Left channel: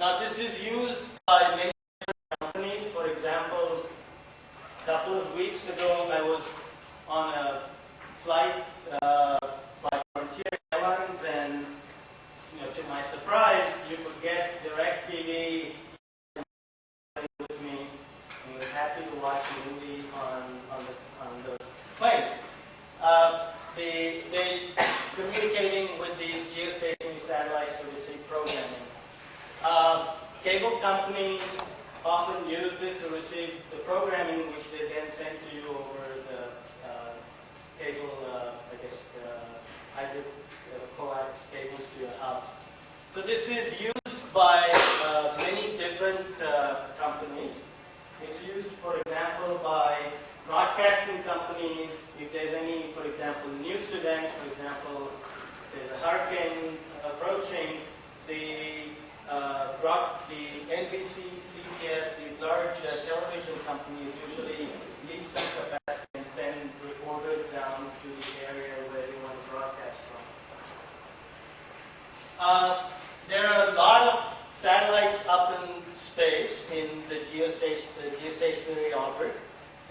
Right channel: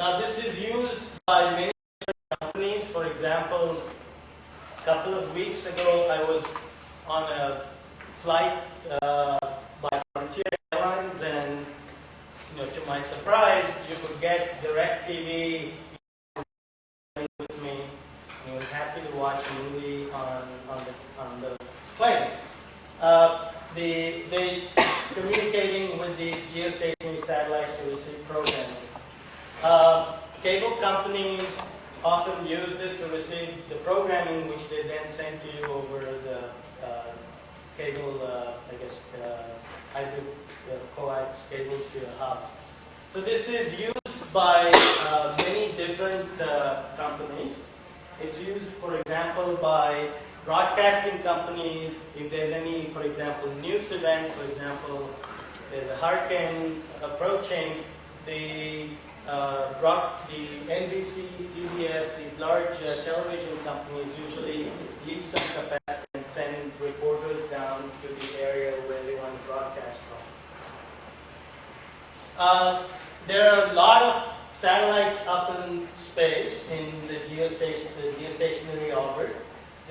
Now this is used by many companies. For example, a couple of weeks ago I was on a flight by Frontier Airlines, and to my surprise, you could get DirecTV with me. I was happy to watch a movie on the plane. They communicating with these geostationary satellites to receive programming. Cable companies often use this to receive the programming, which they then send to you over the cable, hybrid coax cables to your house. So this is used by many different companies. It's used, for example, by broadcasting companies. If there's any, for example, news event, for example, there's a hurricane approaching, the NBC, CBS, these large television companies usually lease some capacity and send reporters down to the area where they want to broadcast from. There are a lot of satellites up in space in the geostationary orbit.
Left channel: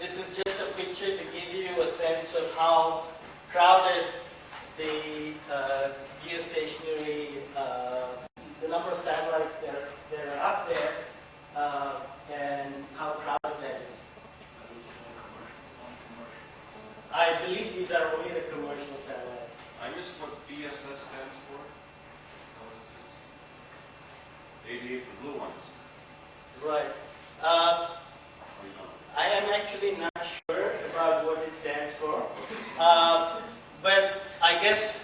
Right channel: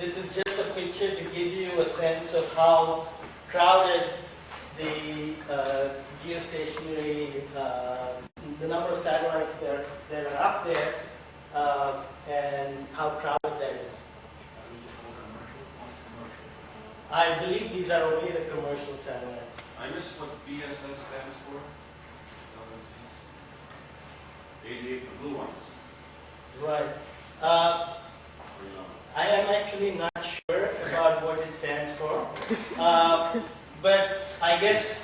This is just a picture to give you a sense of how crowded the geostationary, the number of satellites that are up there, and how crowded that is. I believe these are only the commercial satellites. I missed what BSS stands for. 88, the blue ones. Right. I am actually not sure about what it stands for. But I guess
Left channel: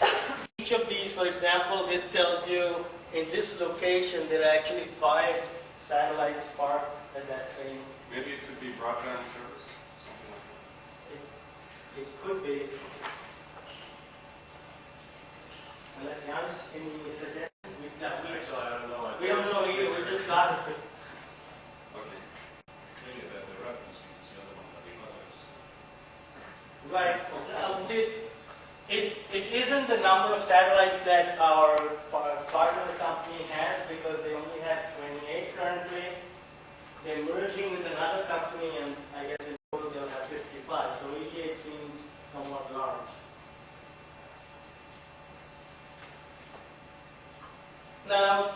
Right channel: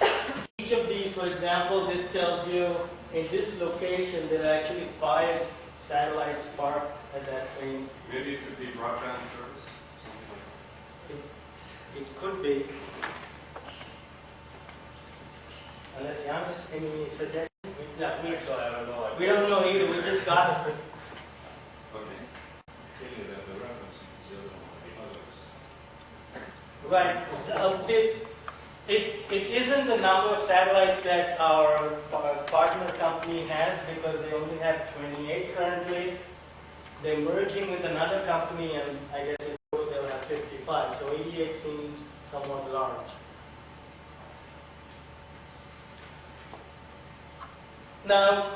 each of these, for example, this tells you in this location there are actually 5 satellites parked at that same. Maybe it could be broadband service, something like that. It could be. Unless Janis, any suggestions? We don't know either. We just got it. Okay. Right. It isn't the number of satellites that our partner company has, because they only have 28 currently. They're merging with another company, and I guess in total they'll have 55. So 88 seems somewhat large. Now,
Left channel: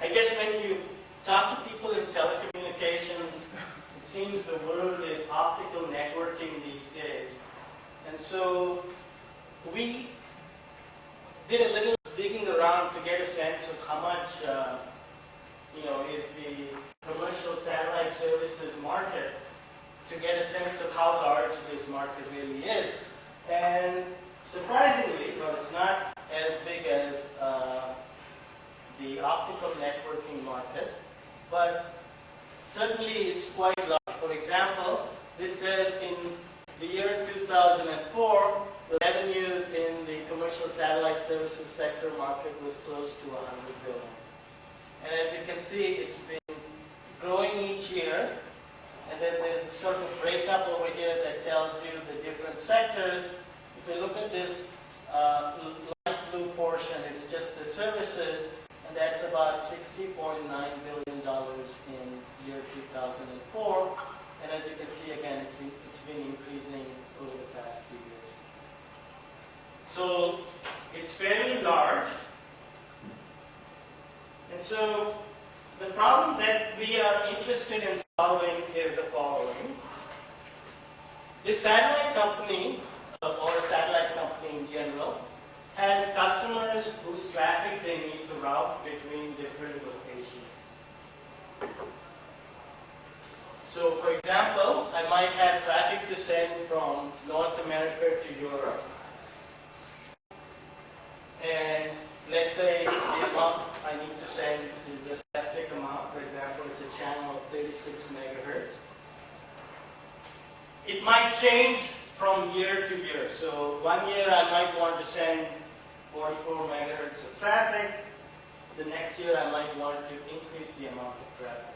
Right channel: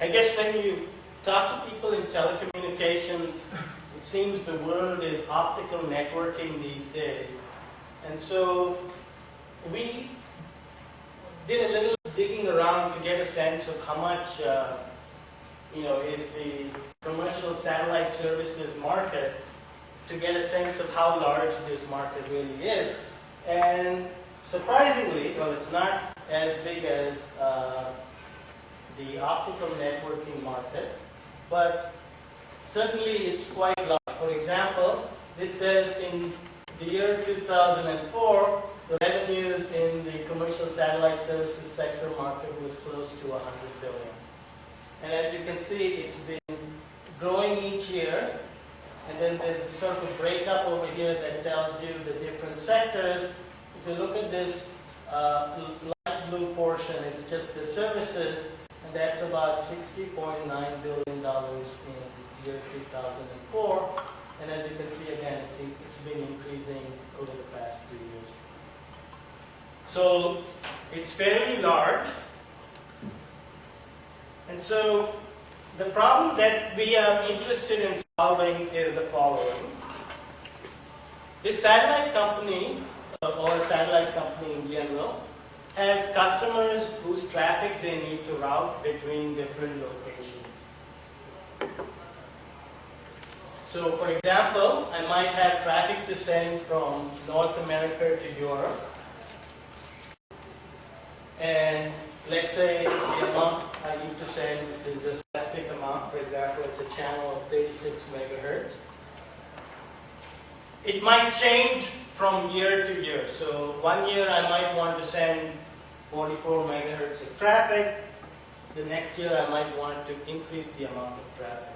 I guess when you talk to people in telecommunications, it seems the world is optical networking these days. And so we did a little digging around to get a sense of how much is the commercial satellite services market, to get a sense of how large this market really is. And surprisingly, well, it's not as big as the optical networking market, but certainly it's quite large. For example, this says in the year 2004, the revenues in the commercial satellite services sector market was close to $100 billion. And as you can see, it's been growing each year. And then there's sort of a breakup over here that tells you the different sectors. If you look at this light blue portion, it's just the services, and that's about $60.9 billion in year 2004. And as you can see, again, it's been increasing over the past 3 years. So it's fairly large. And so the problem that we are interested in solving is the following. This satellite company, or a satellite company in general, has customers whose traffic they need to route between different locations. So for example, I might have traffic to send from North America to Europe. And let's say the amount I need to send is a specific amount. For example, it's a channel of 36 megahertz. It might change from year to year. So 1 year I might want to send 44 megahertz of traffic. The next year I might want to increase the amount of traffic.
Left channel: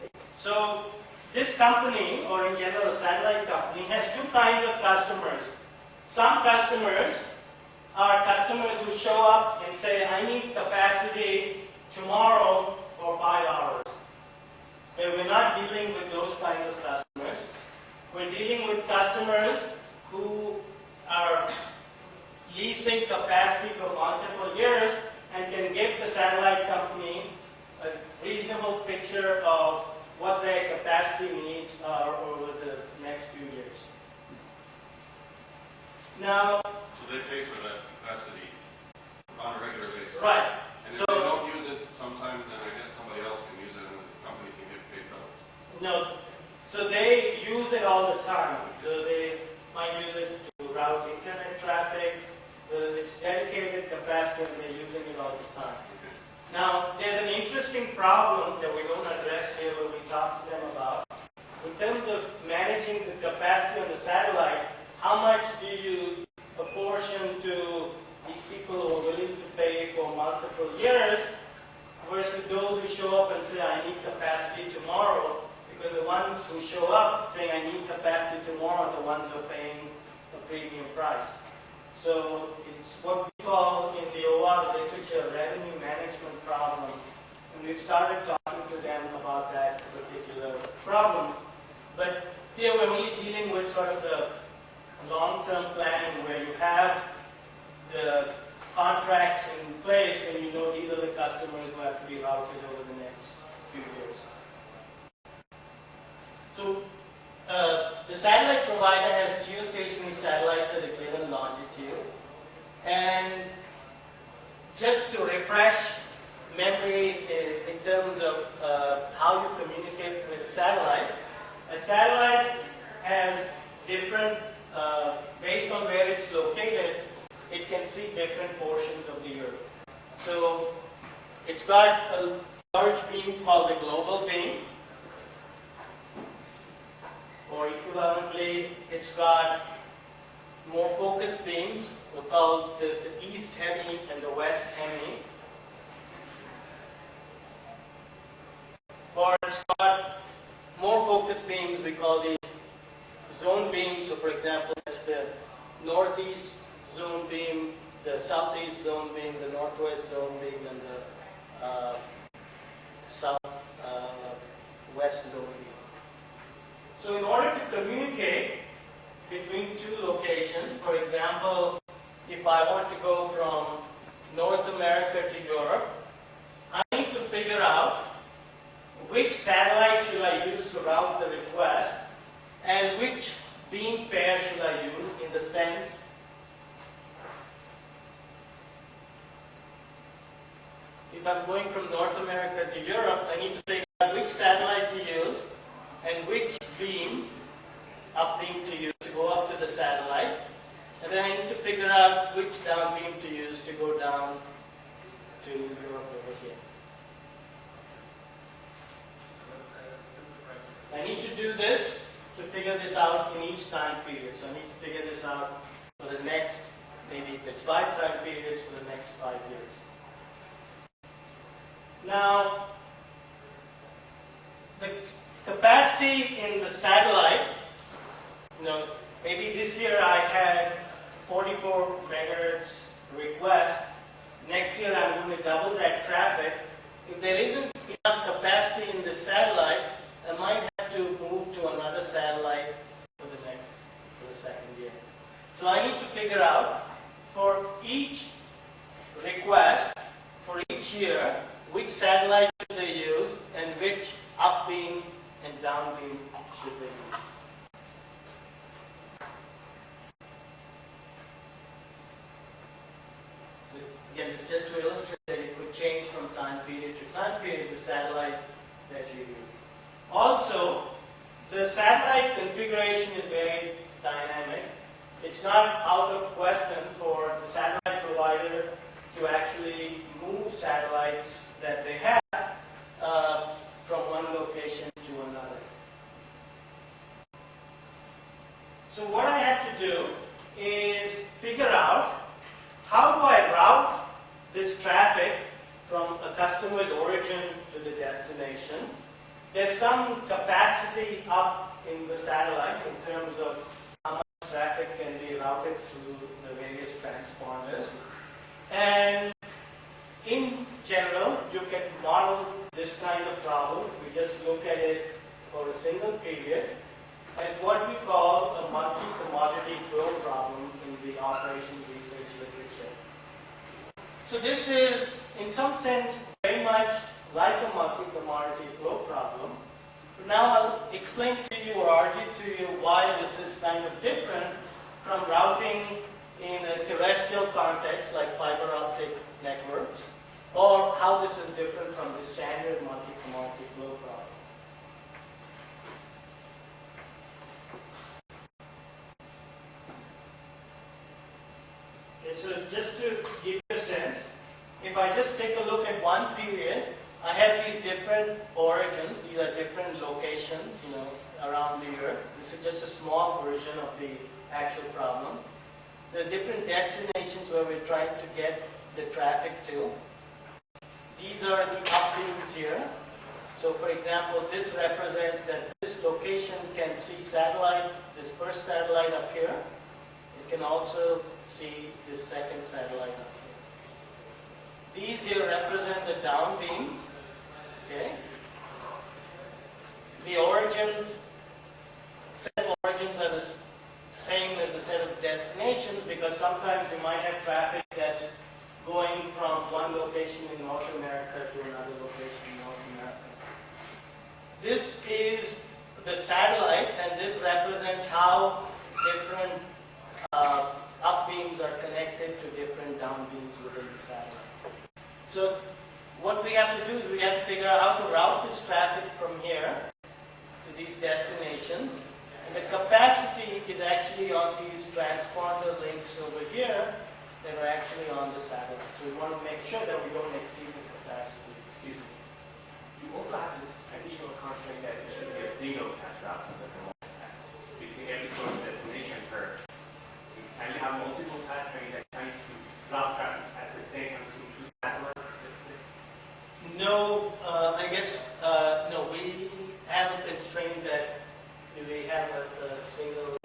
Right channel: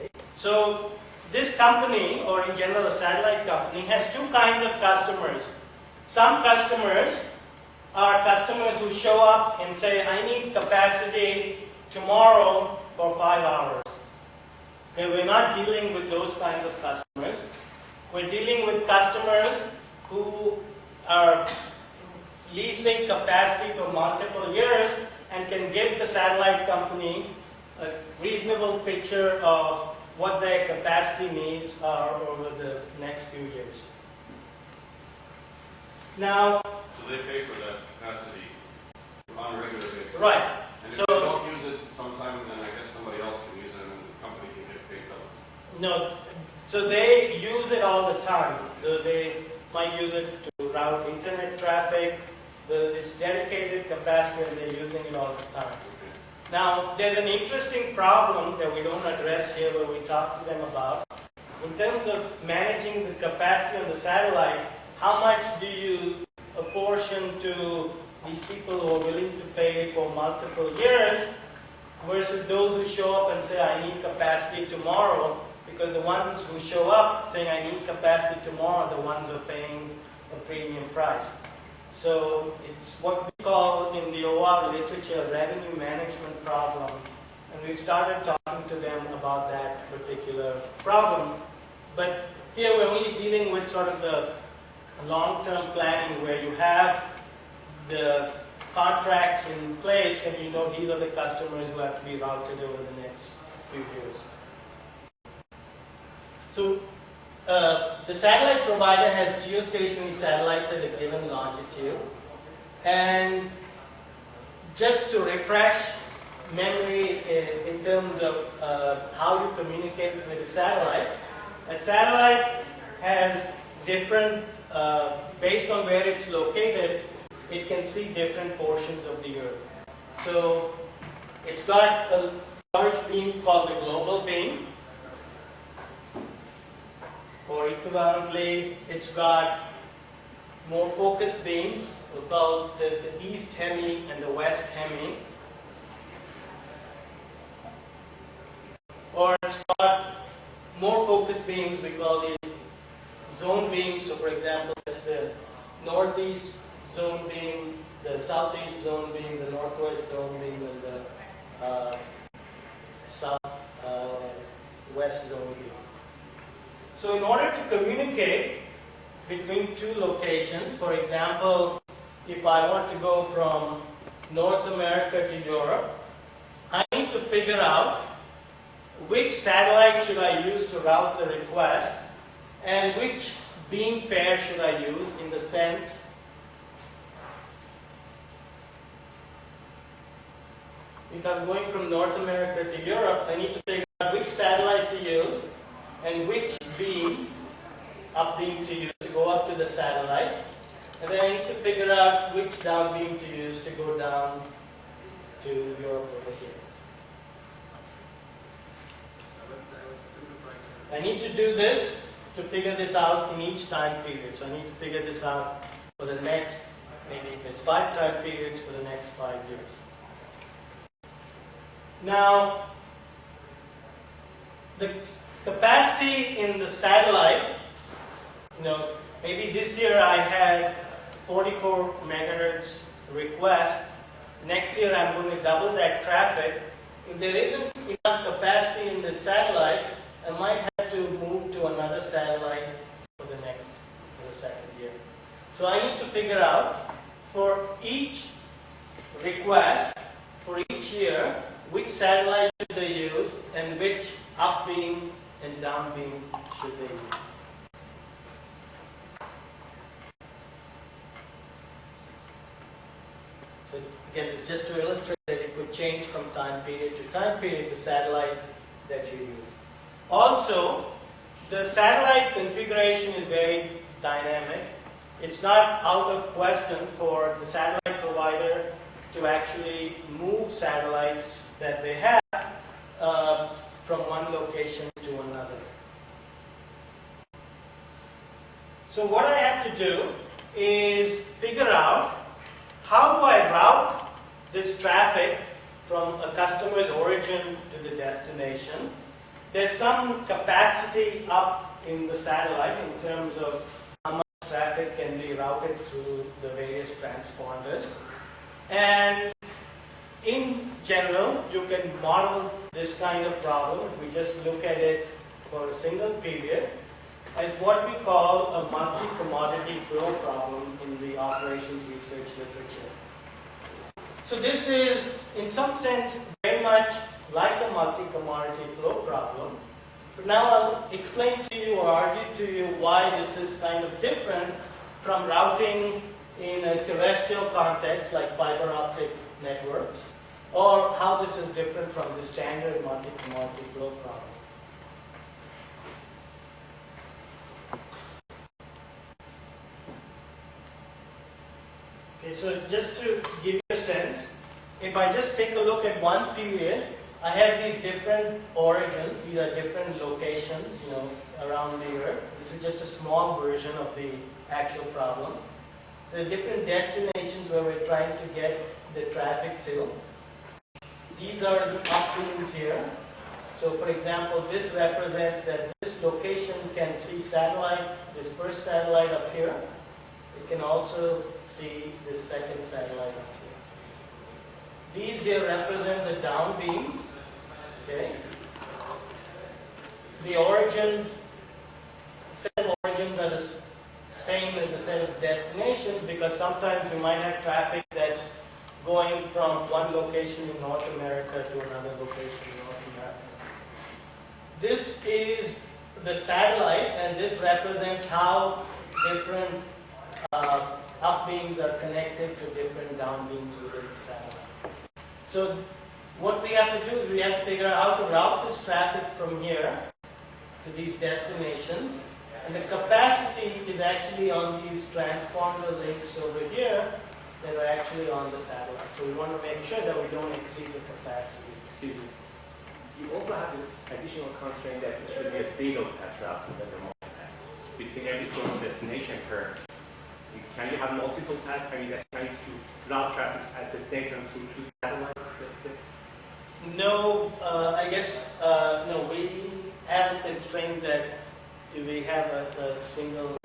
Okay. So this company, or in general a satellite company, has 2 kinds of customers. Some customers are customers who show up and say, I need capacity tomorrow for 5 hours. Okay, we're not dealing with those kind of customers. We're dealing with customers who are leasing capacity for multiple years and can give the satellite company a reasonable picture of what their capacity needs are over the next few years. Now, So they pay for that capacity on a regular basis? right. And So, if they don't use it sometime, then I guess somebody else can use it and the company can get paid double. no, so they use it all the time. So they might use it to route internet traffic. It's dedicated capacity and they're using it all the time. Okay. Now, there's an interesting problem that we don't address here but we talk to them about. In terms of managing the capacity on the satellite, how much do you apportion to these people who are willing to pay for multiple years versus those who show up and say, I need capacity tomorrow, because the ones who show up saying, I need capacity tomorrow, are the ones who are paying a premium price. So it's what we call in the OR literature revenue management problem. And we've started talking to them about that particular problem. But here we're only dealing with sort of the long-term planning where you have the contracts in place and you know these are the customers who have to be routed over the next few years. So the satellite provider has geostationary satellites at a given longitude, and just to refresh memory in terms of how you communicate with a satellite has different, based on where it's located, it can see different portions of the Earth. So it's got a large beam called the global beam, or equivalently, it's got more focused beams. We call this the East Hemi and the West Hemi. Or it's got more focused beams, we call these zone beams. So for example, it's the Northeast zone beam, the Southeast zone beam, the Northwest zone beam, and the Southwest zone beam. So in order to communicate between two locations, for example, if I want to go from North America to Europe, I need to figure out which satellite should I use to route the request and which beam pair should I use, in the sense if I'm going from North America to Europe, I need to figure out which satellite to use and which beam, up beam to use to go up to the satellite. And then I need to figure out which down beam to use to go down to Europe over here. I need to do this to figure this out in each time period. So I need to figure this out for the next, maybe if it's 5 time periods, for the next 5 years. Now, the capacity in the satellite, maybe this year I had 44 megahertz request. Next year I'm going to double that traffic. If there isn't enough capacity in the satellite, I might have to move to another satellite for the second year. So I need to figure out for each request, for each year, which satellite should they use and which up beam and down beam should they use. So again, it's just to illustrate that it could change from time period to time period, the satellite that you use. Also, the satellite configuration is very dynamic. It's not out of question for the satellite provider to actually move satellites that they have from one location to another. So what I have to do is figure out how do I route this traffic from a customer's origin to the destination. There's some capacity up in the satellite in terms of how much traffic can be routed through the various transport transponders. And in general, you can model this kind of problem, if we just look at it for a single period, as what we call a multi-commodity flow problem in the operations research literature. So this is, in some sense, very much like a multi-commodity flow problem. But now I'll explain to you or argue to you why this is kind of different from routing in a terrestrial context like fiber optic networks, or how this is different from the standard multi-commodity flow problem. Okay, so just to give you a sense, if I just take a look at one period, I have these different origins, these are different locations, around the Earth. This is just a small version of the actual problem. There are different destinations where we're trying to get the traffic to. These are the upbeams here. So for example, this represents that this location can see satellite, this first satellite up here. It can also see this second satellite up here. These here represent the down beams. Okay. The origins, set of origins are the same as the set of destinations, because sometimes you might have traffic that's going from one location in North America to another location in North America. This is the satellite, and this represents how different up beams are connected to different down beams within the satellite. So what we have to do is we have to figure out how to route this traffic from here to these destinations. And the capacity is actually on these transponder links over here that are actually on the satellite. So we want to make sure that we don't exceed the capacity. Excuse me. You also have this additional constraint that it should be a single path route rather than multiple paths. Between every source destination curve, you can you have multiple paths? Are you trying to route traffic at the same time through two satellites, let's say? No, I guess, no, we haven't constrained that we have a single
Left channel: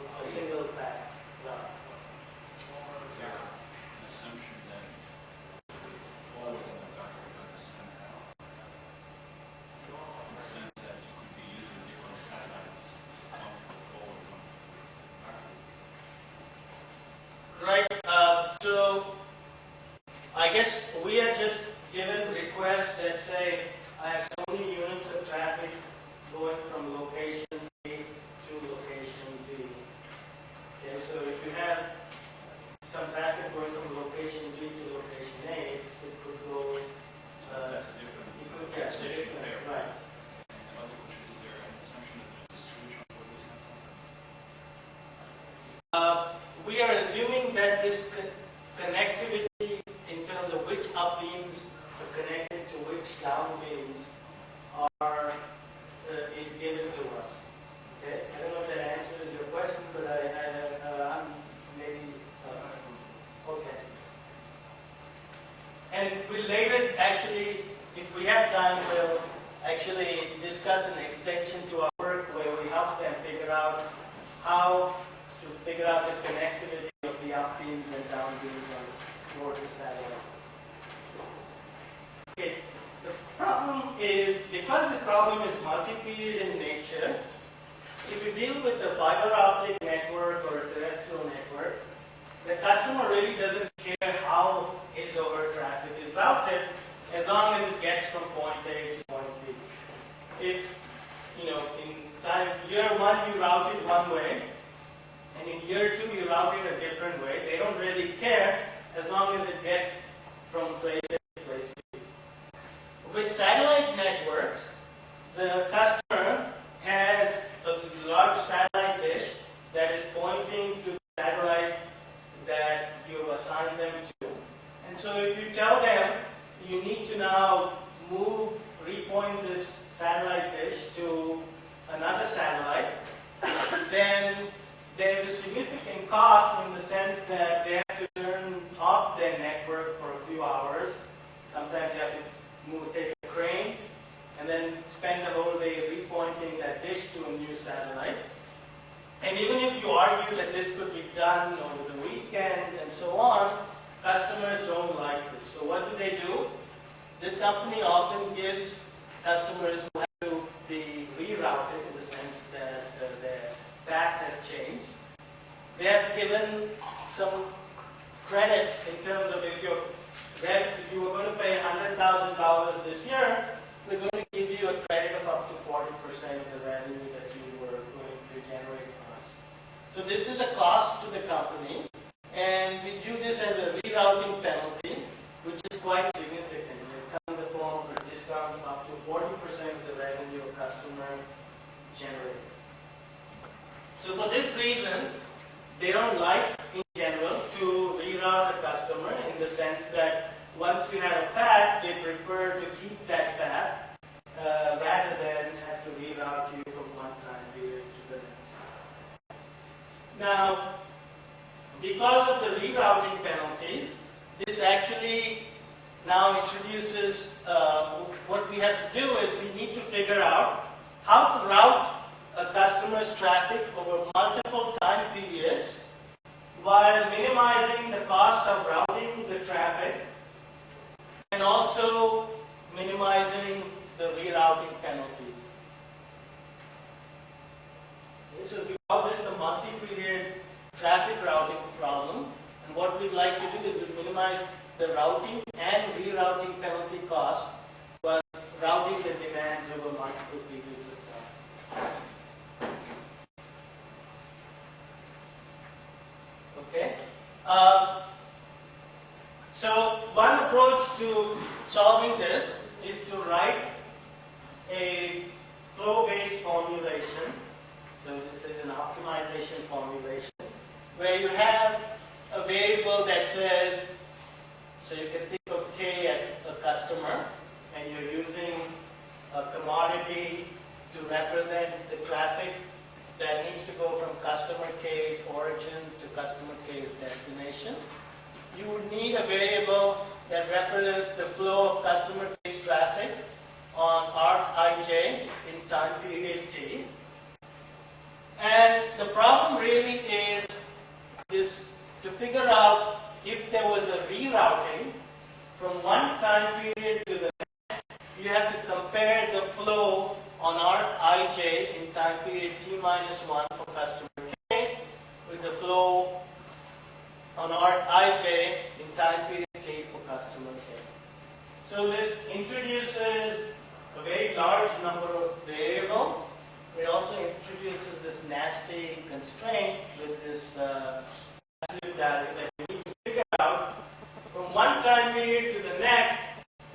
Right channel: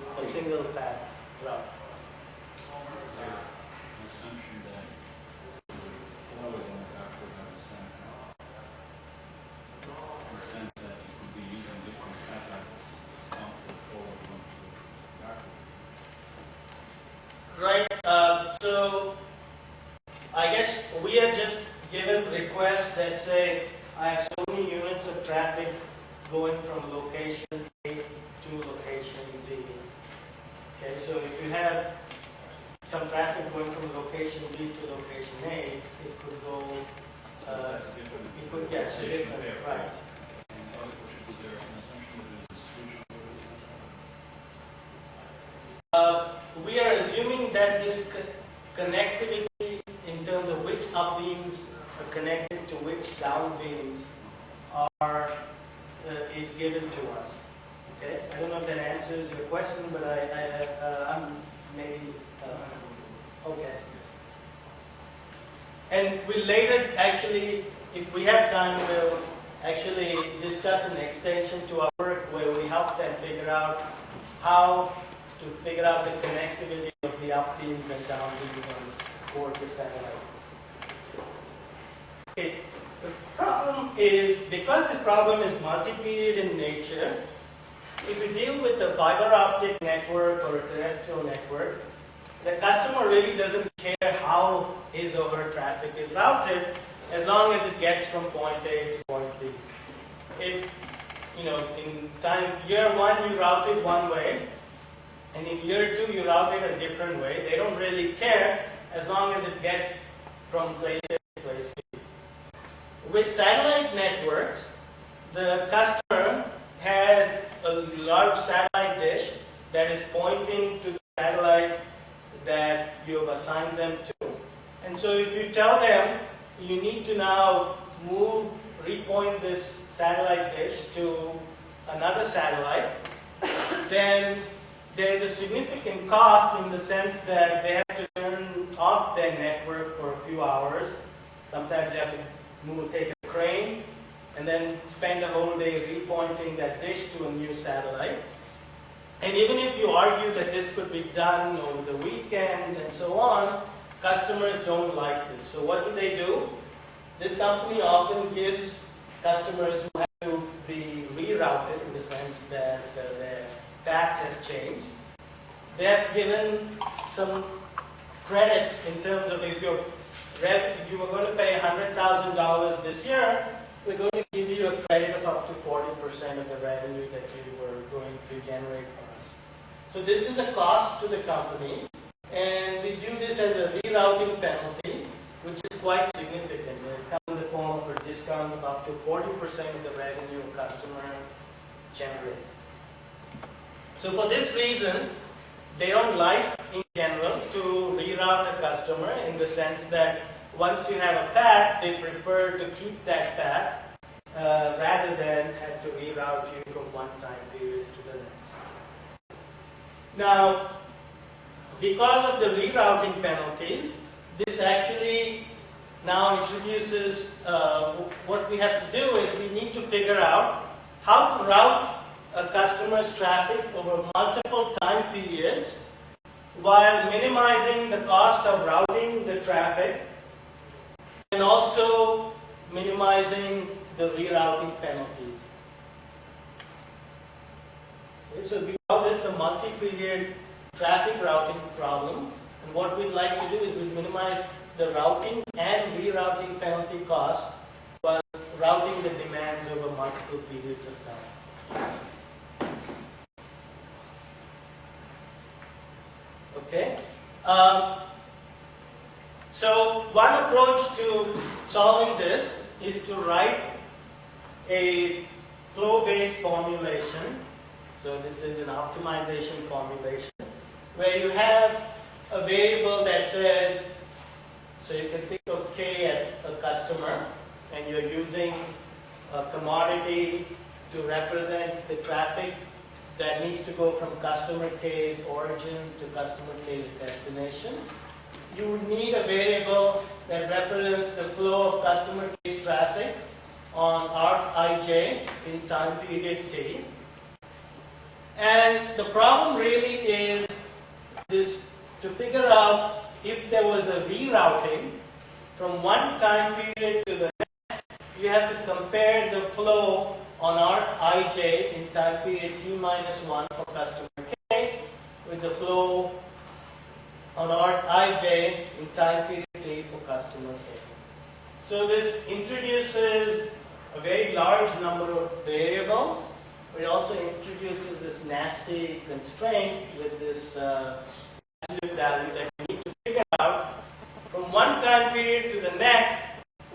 path route. Is there an assumption that forward and backward are the same path? In the sense that you could be using different satellites, one for the forward, one for the backward. Right. So I guess we are just given requests that say I have so many units of traffic going from location A to location B. Okay, so if you have some traffic going from location B to location A, it could go. That's a different. It could get different, right? And the other question, is there an assumption that there's a switch over the satellite? We are assuming that this connectivity in terms of which up beams are connected to which down beams is given to us. Okay, I don't know if that answers your question, but I'm maybe okay. And we later actually, if we have time, we'll actually discuss an extension to our work where we help them figure out how to figure out the connectivity of the up beams and down beams on board the satellite. Okay. The problem is, because the problem is multi-period in nature, if you deal with a fiber optic network or a terrestrial network, the customer really doesn't care how his or her traffic is routed as long as it gets from point A to point B. If, in year one you route it one way, and in year two you route it a different way, they don't really care as long as it gets from place A to place B. With satellite networks, the customer has a large satellite dish that is pointing to the satellite that you have assigned them to. And so if you tell them you need to now repoint this satellite dish to another satellite, then there's a significant cost in the sense that they have to turn off their network for a few hours. Sometimes you have to take a crane and then spend the whole day repointing that dish to a new satellite. And even if you argue that this could be done over the weekend and so on, customers don't like this. So what do? This company often gives customers who have to be rerouted in the sense that their path has changed. They have given some credits in terms of if you were going to pay $100,000 this year, we're going to give you a credit of up to 40% of the revenue that you were going to generate for us. So this is a cost to the company, and we view this as a rerouting penalty, which is quite significant. It comes in the form of a discount of up to 40% of the revenue a customer generates. So for this reason, they don't like, in general, to reroute a customer in the sense that once you have a path, they prefer to keep that path rather than have to reroute you from one time period to the next. Now, because of the rerouting penalties, this actually now introduces what we have to do is we need to figure out how to route a customer's traffic over multiple time periods while minimizing the cost of routing the traffic and also minimizing the rerouting penalties. Okay, so we call this the multi-period traffic routing problem, and what we'd like to do is we minimize the routing and rerouting penalty cost while routing the demands over multiple periods of time. Okay. So one approach to solving this is to write a flow-based formulation. So this is an optimization formulation where you have a variable that says, so you can think of K as a customer, and you're using a commodity to represent the traffic that needs to go from customer K's origin to customer K's destination. You would need a variable that represents the flow of customer K's traffic on arc ij in time period t. And the problem really is this, to figure out if there was a rerouting from one time period to the next, you have to compare the flow on arc ij in time period t minus 1 for customer K with the flow on arc ij in time period t for customer K. So this introduces a very large number of variables, but it also introduces this nasty constraint with this absolute value that you need to figure out from one time period to the next,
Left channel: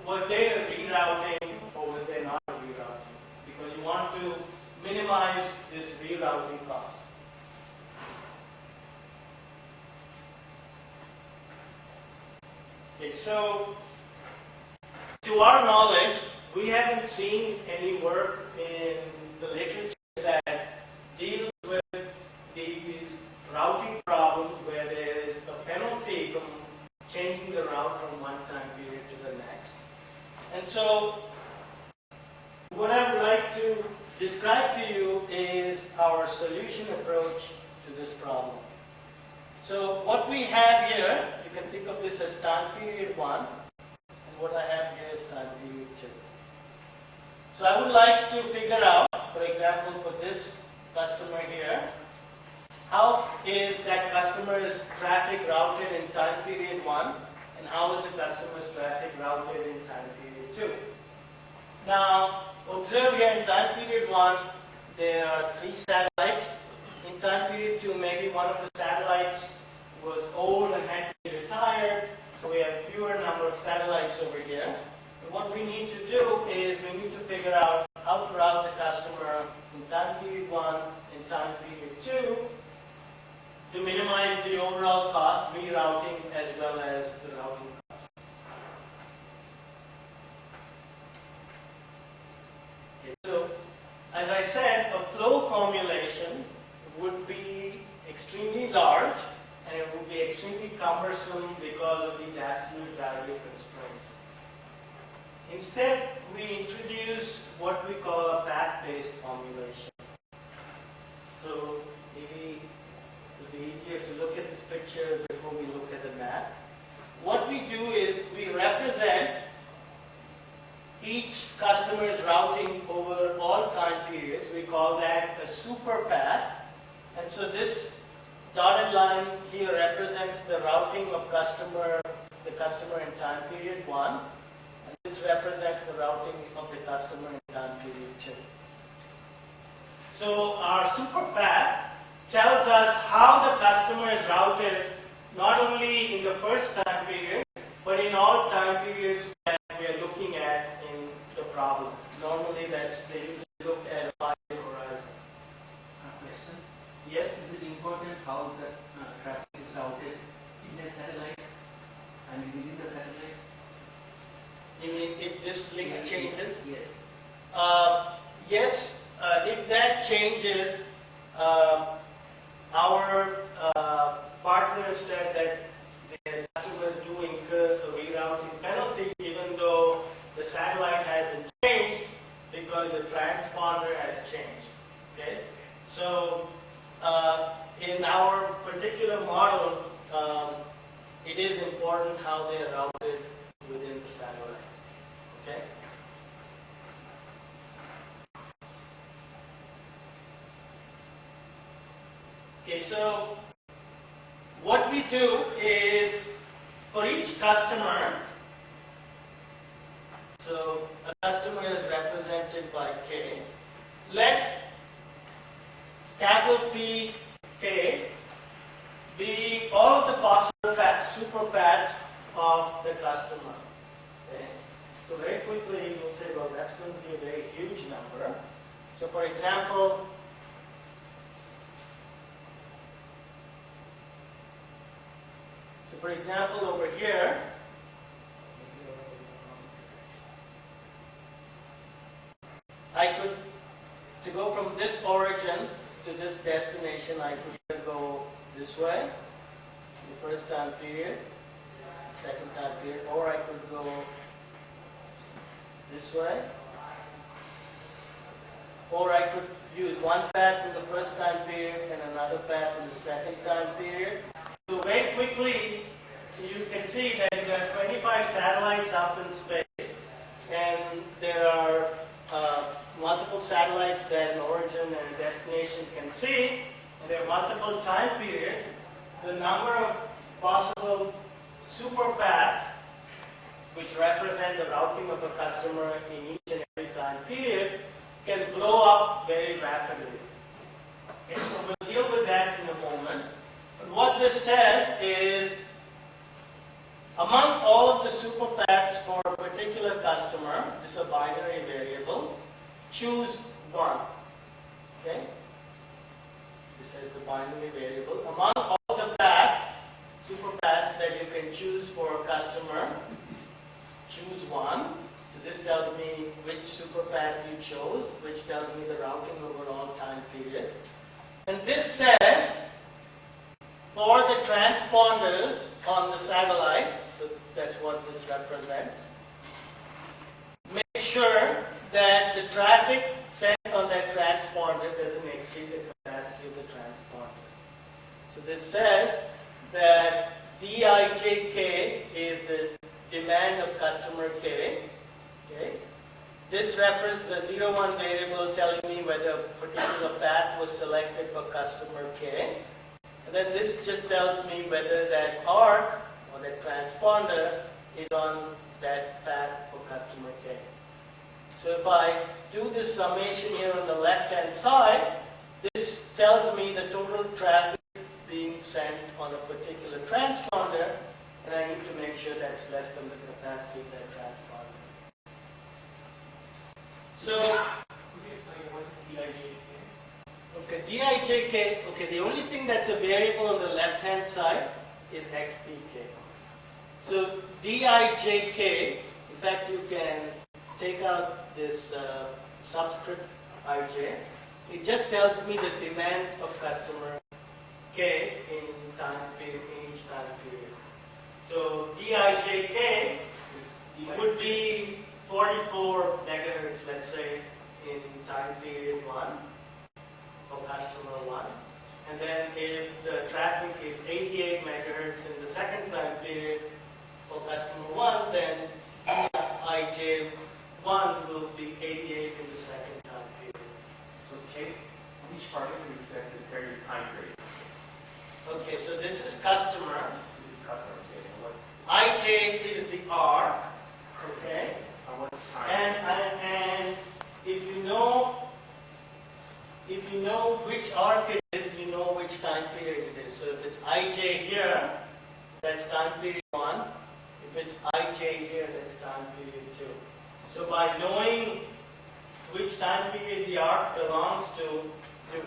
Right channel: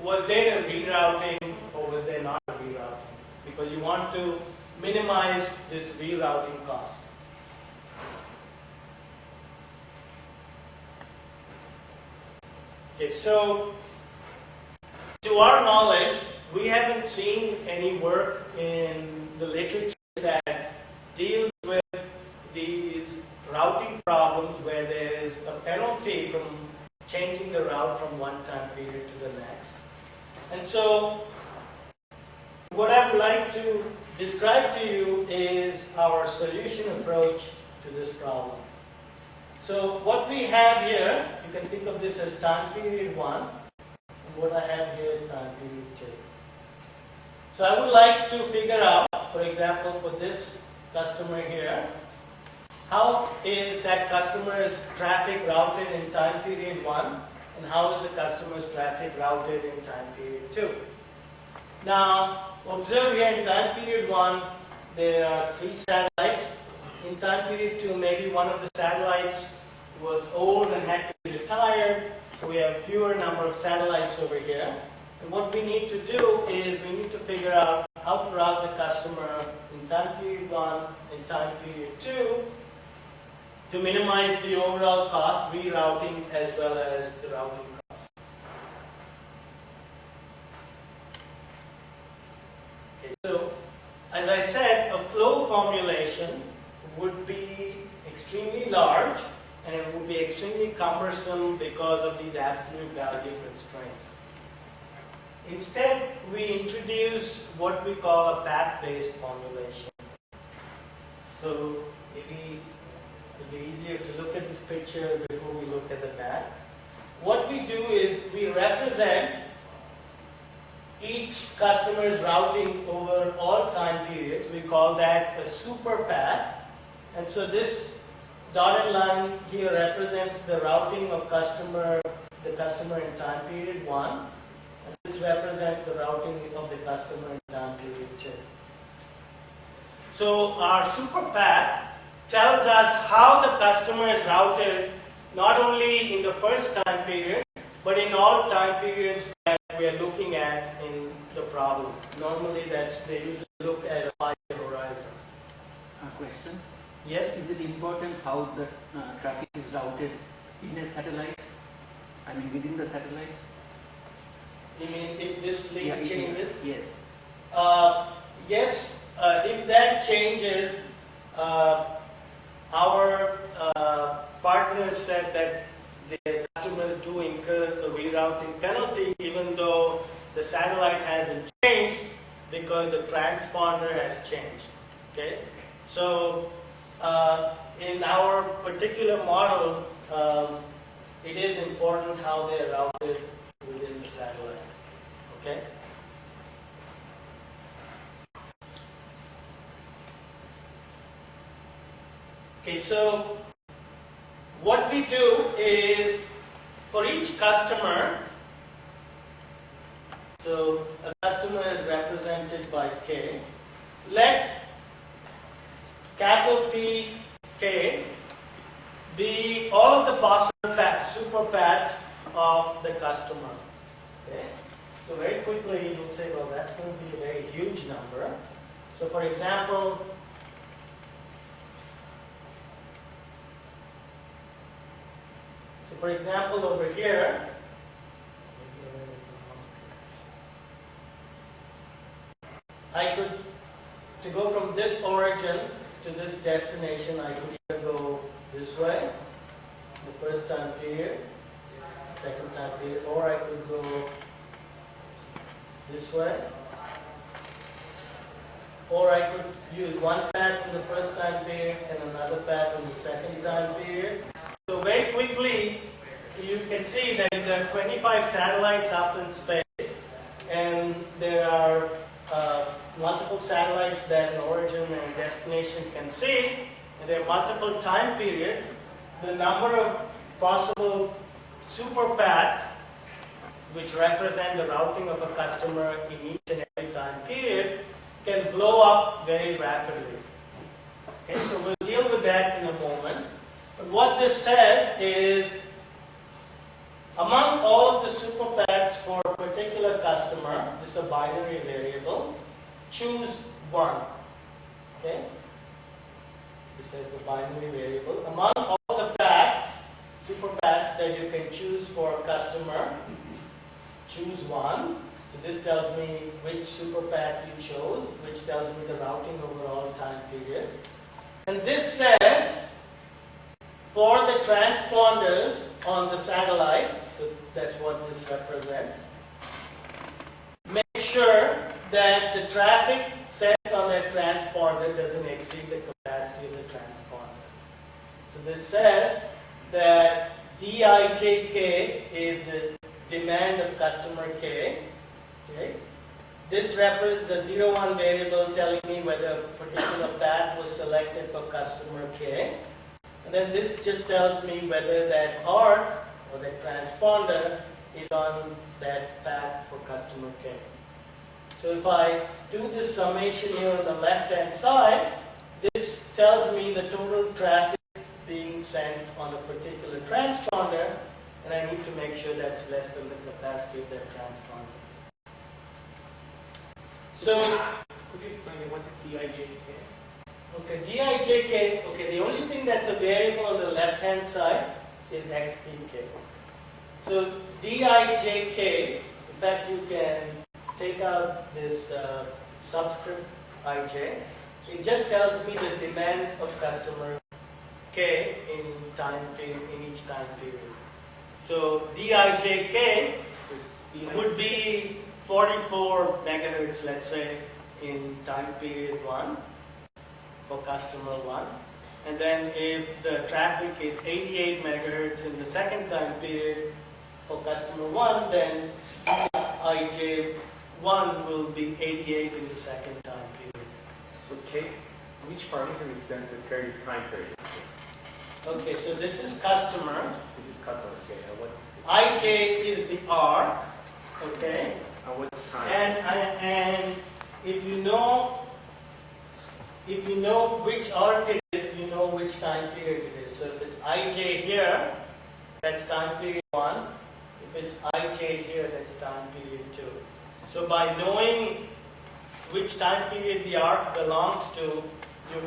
was there a rerouting or was there not a rerouting? Because you want to minimize this rerouting cost. Okay, so to our knowledge, we haven't seen any work in the literature that deals with these routing problems where there is a penalty from changing the route from one time period to the next. And so what I would like to describe to you is our solution approach to this problem. So what we have here, you can think of this as time period 1, and what I have here is time period 2. So I would like to figure out, for example, for this customer here, how is that customer's traffic routed in time period 1, and how is the customer's traffic routed in time period 2. Now, observe here in time period 1, there are 3 satellites. In time period 2, maybe one of the satellites was old and had to be retired, so we have fewer number of satellites over here. And what we need to do is we need to figure out how to route the customer in time period 1 and time period 2 to minimize the overall cost, rerouting as well as the routing cost. Okay, so as I said, a flow formulation would be extremely large and it would be extremely cumbersome because of these absolute value constraints. Instead, we introduce what we call a path-based formulation. So maybe it would be easier to look at this picture before we look at the map. we do is we represent each customer's routing over all time periods. We call that a super path. And so this dotted line here represents the routing of the customer in time period 1. And this represents the routing of the customer in time period 2. So our super path tells us how the customer is routed not only in the first time period, but in all time periods that we are looking at in the problem. Normally they usually look at a 5-year horizon. Question. Yes? Is it important how the traffic is routed in a satellite? I mean within the satellite? You mean if this link Yeah, changes? Yes. Yes, if that changes, our partners said that the customers do incur a rerouting penalty even though the satellite hasn't changed because the transponder has changed. Okay? So in our particular model, it is important how they are routed within the satellite. Okay? Okay, so what we do is for each customer, so a customer is represented by K, let capital P K be all of the possible paths, super paths of the customer. Okay? So very quickly you'll say, well, that's going to be a very huge number. So for example, over here, I could, to go from this origin to this destination, I could either go this way, the first time period, the second time period, or I could go this way, or I could use one path in the first time period and another path in the second time period. So very quickly, you can see that there are 25 satellites up in space, and there are multiple satellites that an origin and a destination can see, and there are multiple time periods. The number of possible super paths, which represent the routing of a customer in each and every time period, can blow up very rapidly. Okay, so we'll deal with that in a moment. But what this says is, among all of the super paths for a particular customer, this is a binary variable, choose one. Okay? This is the binary variable. Among all the paths, super paths that you can choose for a customer, choose one. So this tells me which super path you chose, which tells me the routing over all time periods. And this says, for the transponders on the satellite, so that's what this represents, make sure that the traffic sent on that transponder doesn't exceed the capacity of the transponder. So this says that Dijk is the demand of customer K. Okay? This represents the 0-1 variable telling me whether a particular path was selected for customer K. And then this just tells me whether that arc or that transponder is on that path for customer K. So if I do this summation here on the left-hand side, this tells me the total traffic being sent on a particular transponder, and I need to make sure that's less than the capacity of that transponder. So, Could you explain what is Dijk? okay, Dijk, okay, the only thing that's a variable on the left-hand side is xpk. So Dijk, in fact, you can take out this subscript ij. It just tells me the demand of customer K in each time period. So Dijk would be 44 megahertz, let's say, in time period 1 for customer 1. And then if the traffic is 88 megahertz in the second time period, for customer 1, then Dij1 will be 88 in the second time period. So K, each parameter represents the period time period. Okay, so this is customer. This is customer K, and what is Ij is the arc. Okay, what's time? and if you know which arc it is, you know which time period it is. So if it's Ij here, that's time period 1. If it's Ij here, that's time period 2. So by knowing which time period the arc belongs to, you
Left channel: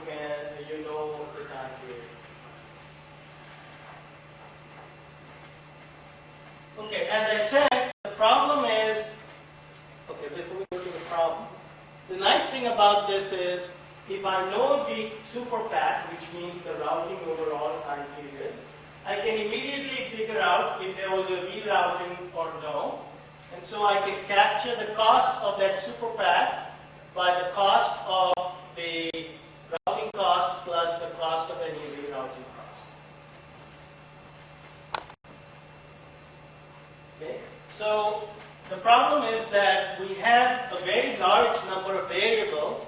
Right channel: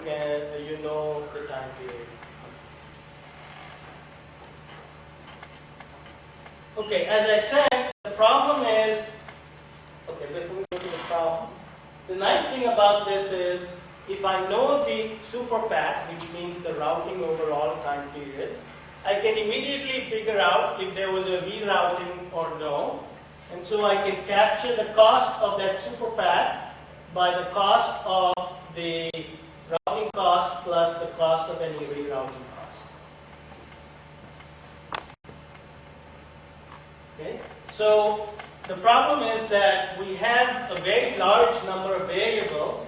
know the time period. Okay, as I said, the problem is, okay, before we go to the problem, the nice thing about this is, if I know the super path, which means the routing over all time periods, I can immediately figure out if there was a rerouting or no. And so I can capture the cost of that super path by the cost of the routing cost plus the cost of any rerouting cost. Okay? So the problem is that we have a very large number of variables,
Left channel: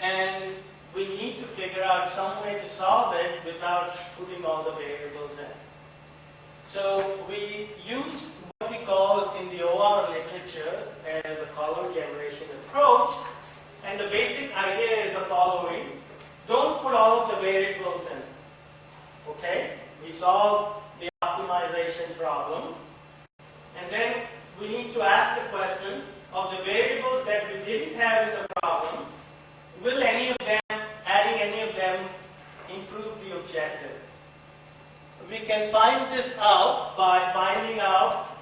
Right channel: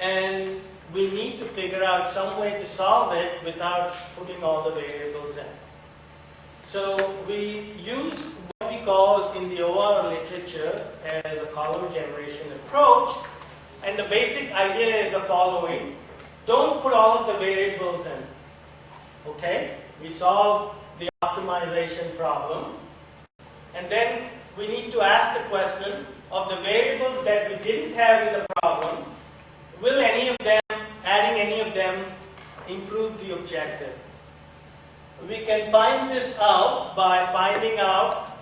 and we need to figure out some way to solve it without putting all the variables in. So we use what we call in the OR literature as a column generation approach, and the basic idea is the following. Don't put all of the variables in. Okay? We solve the optimization problem, and then we need to ask the question of the variables that we didn't have in the problem, will any of them, adding any of them, improve the objective? We can find this out by finding out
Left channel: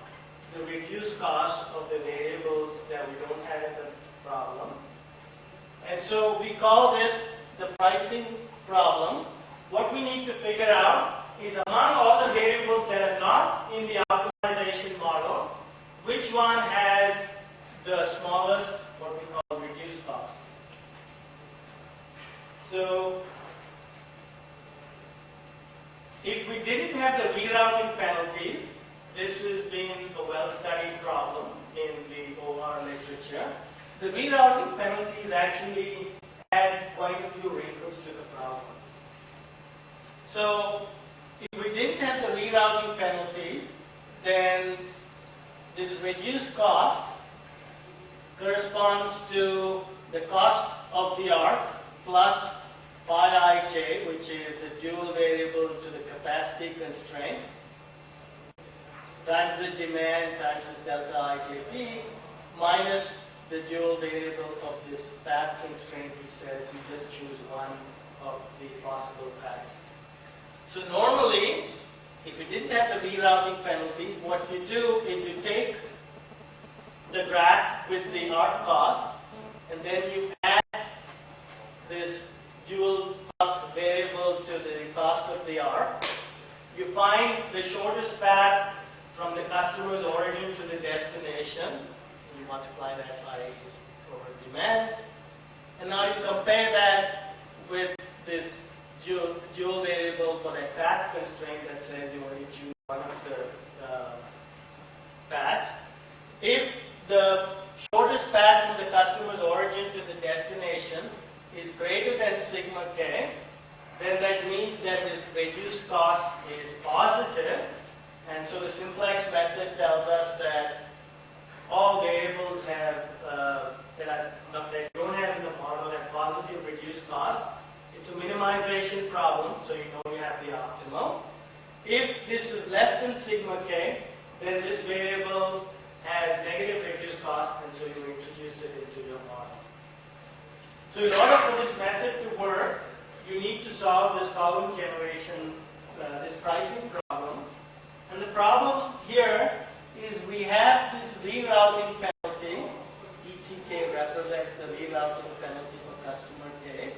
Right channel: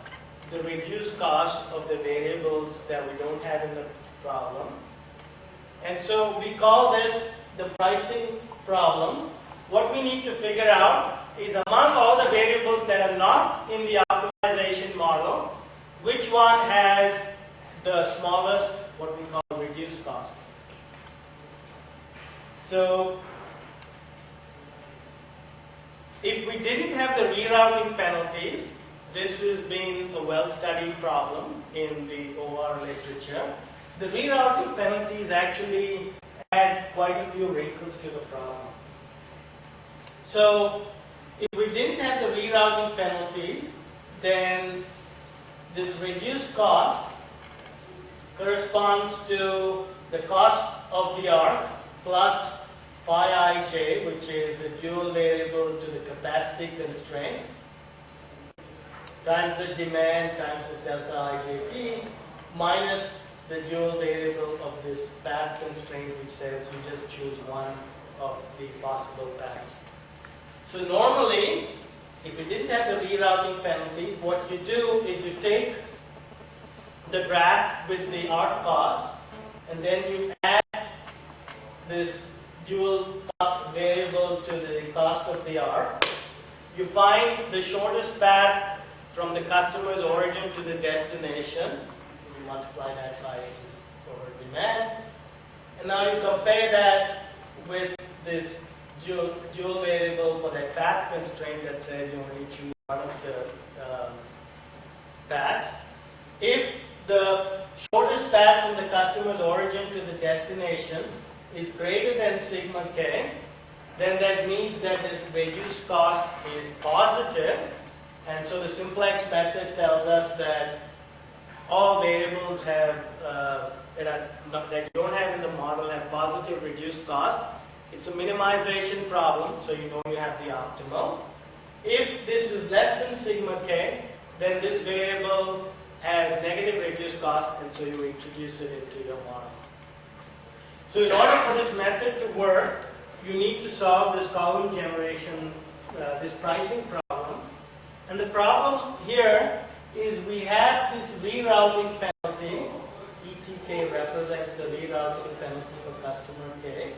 the reduced cost of the variables that we don't have in the problem. And so we call this the pricing problem. What we need to figure out is, among all the variables that are not in the optimization model, which one has the smallest, what we call reduced cost. So if we didn't have the rerouting penalties, this has been a well-studied problem in the OR literature. The rerouting penalties actually add quite a few wrinkles to the problem. So if we didn't have the rerouting penalties, then this reduced cost corresponds to the cost of the arc plus pi ij, which is the dual variable to the capacity constraint, times the demand times this delta ijp, minus the dual variable of this path constraint, which says you just choose one of the possible paths. So normally, if you didn't have the rerouting penalties, what you do is you take the graph with the arc cost, and then you add this dual cost variable to the cost of the arc. You find the shortest path from the customer's origin to the destination. You multiply that by his forward demand. And now you compare that with this dual variable for that path constraint that says you only choose one of the paths. If the shortest path from the customer's origin to the destination is greater than sigma k, then that means that this reduced cost is positive. And so the simplex method tells us that all variables have that you don't have in the model have positive reduced cost. It's a minimization problem, so you know you have the optimal. If this is less than sigma k, then this variable has negative reduced cost, and so you introduce it into your model. So in order for this method to work, you need to solve this column generation, this pricing problem. And the problem here is we have this rerouting penalty. ETK represents the rerouting penalty for customer K.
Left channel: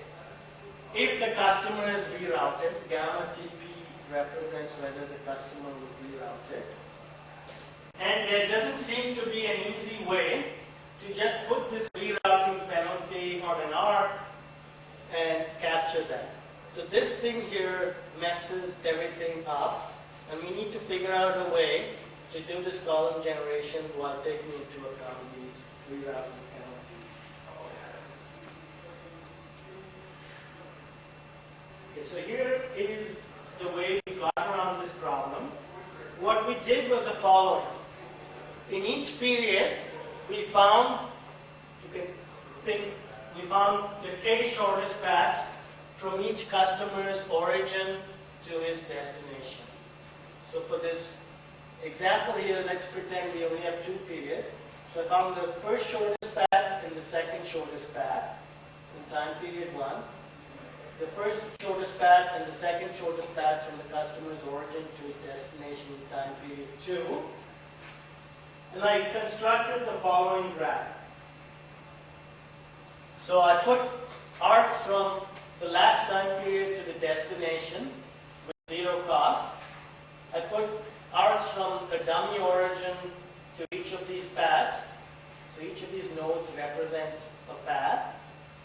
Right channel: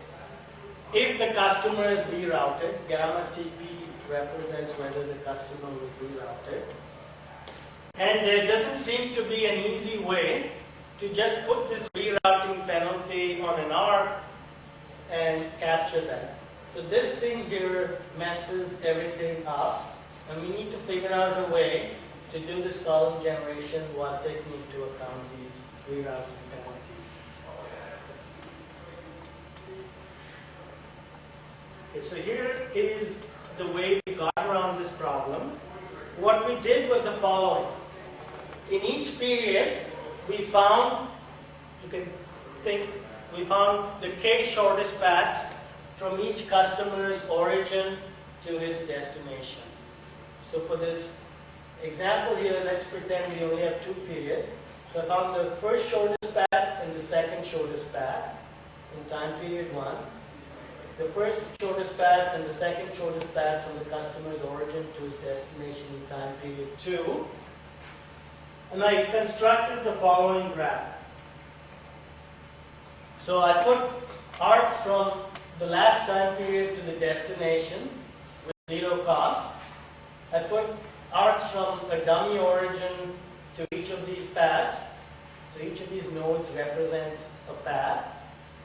If the customer is rerouted, gamma TP represents whether the customer was rerouted. And there doesn't seem to be an easy way to just put this rerouting penalty on an arc and capture that. So this thing here messes everything up, and we need to figure out a way to do this column generation while taking into account these rerouting penalties. Okay, so here is the way we got around this problem. What we did was the following. In each period, we found, you can think, we found the k shortest paths from each customer's origin to his destination. So for this example here, let's pretend we only have 2 periods. So I found the first shortest path and the second shortest path in time period 1. The first shortest path and the second shortest path from the customer's origin to his destination in time period 2. And I constructed the following graph. So I put arcs from the last time period to the destination with 0 cost. I put arcs from a dummy origin to each of these paths. So each of these nodes represents a path.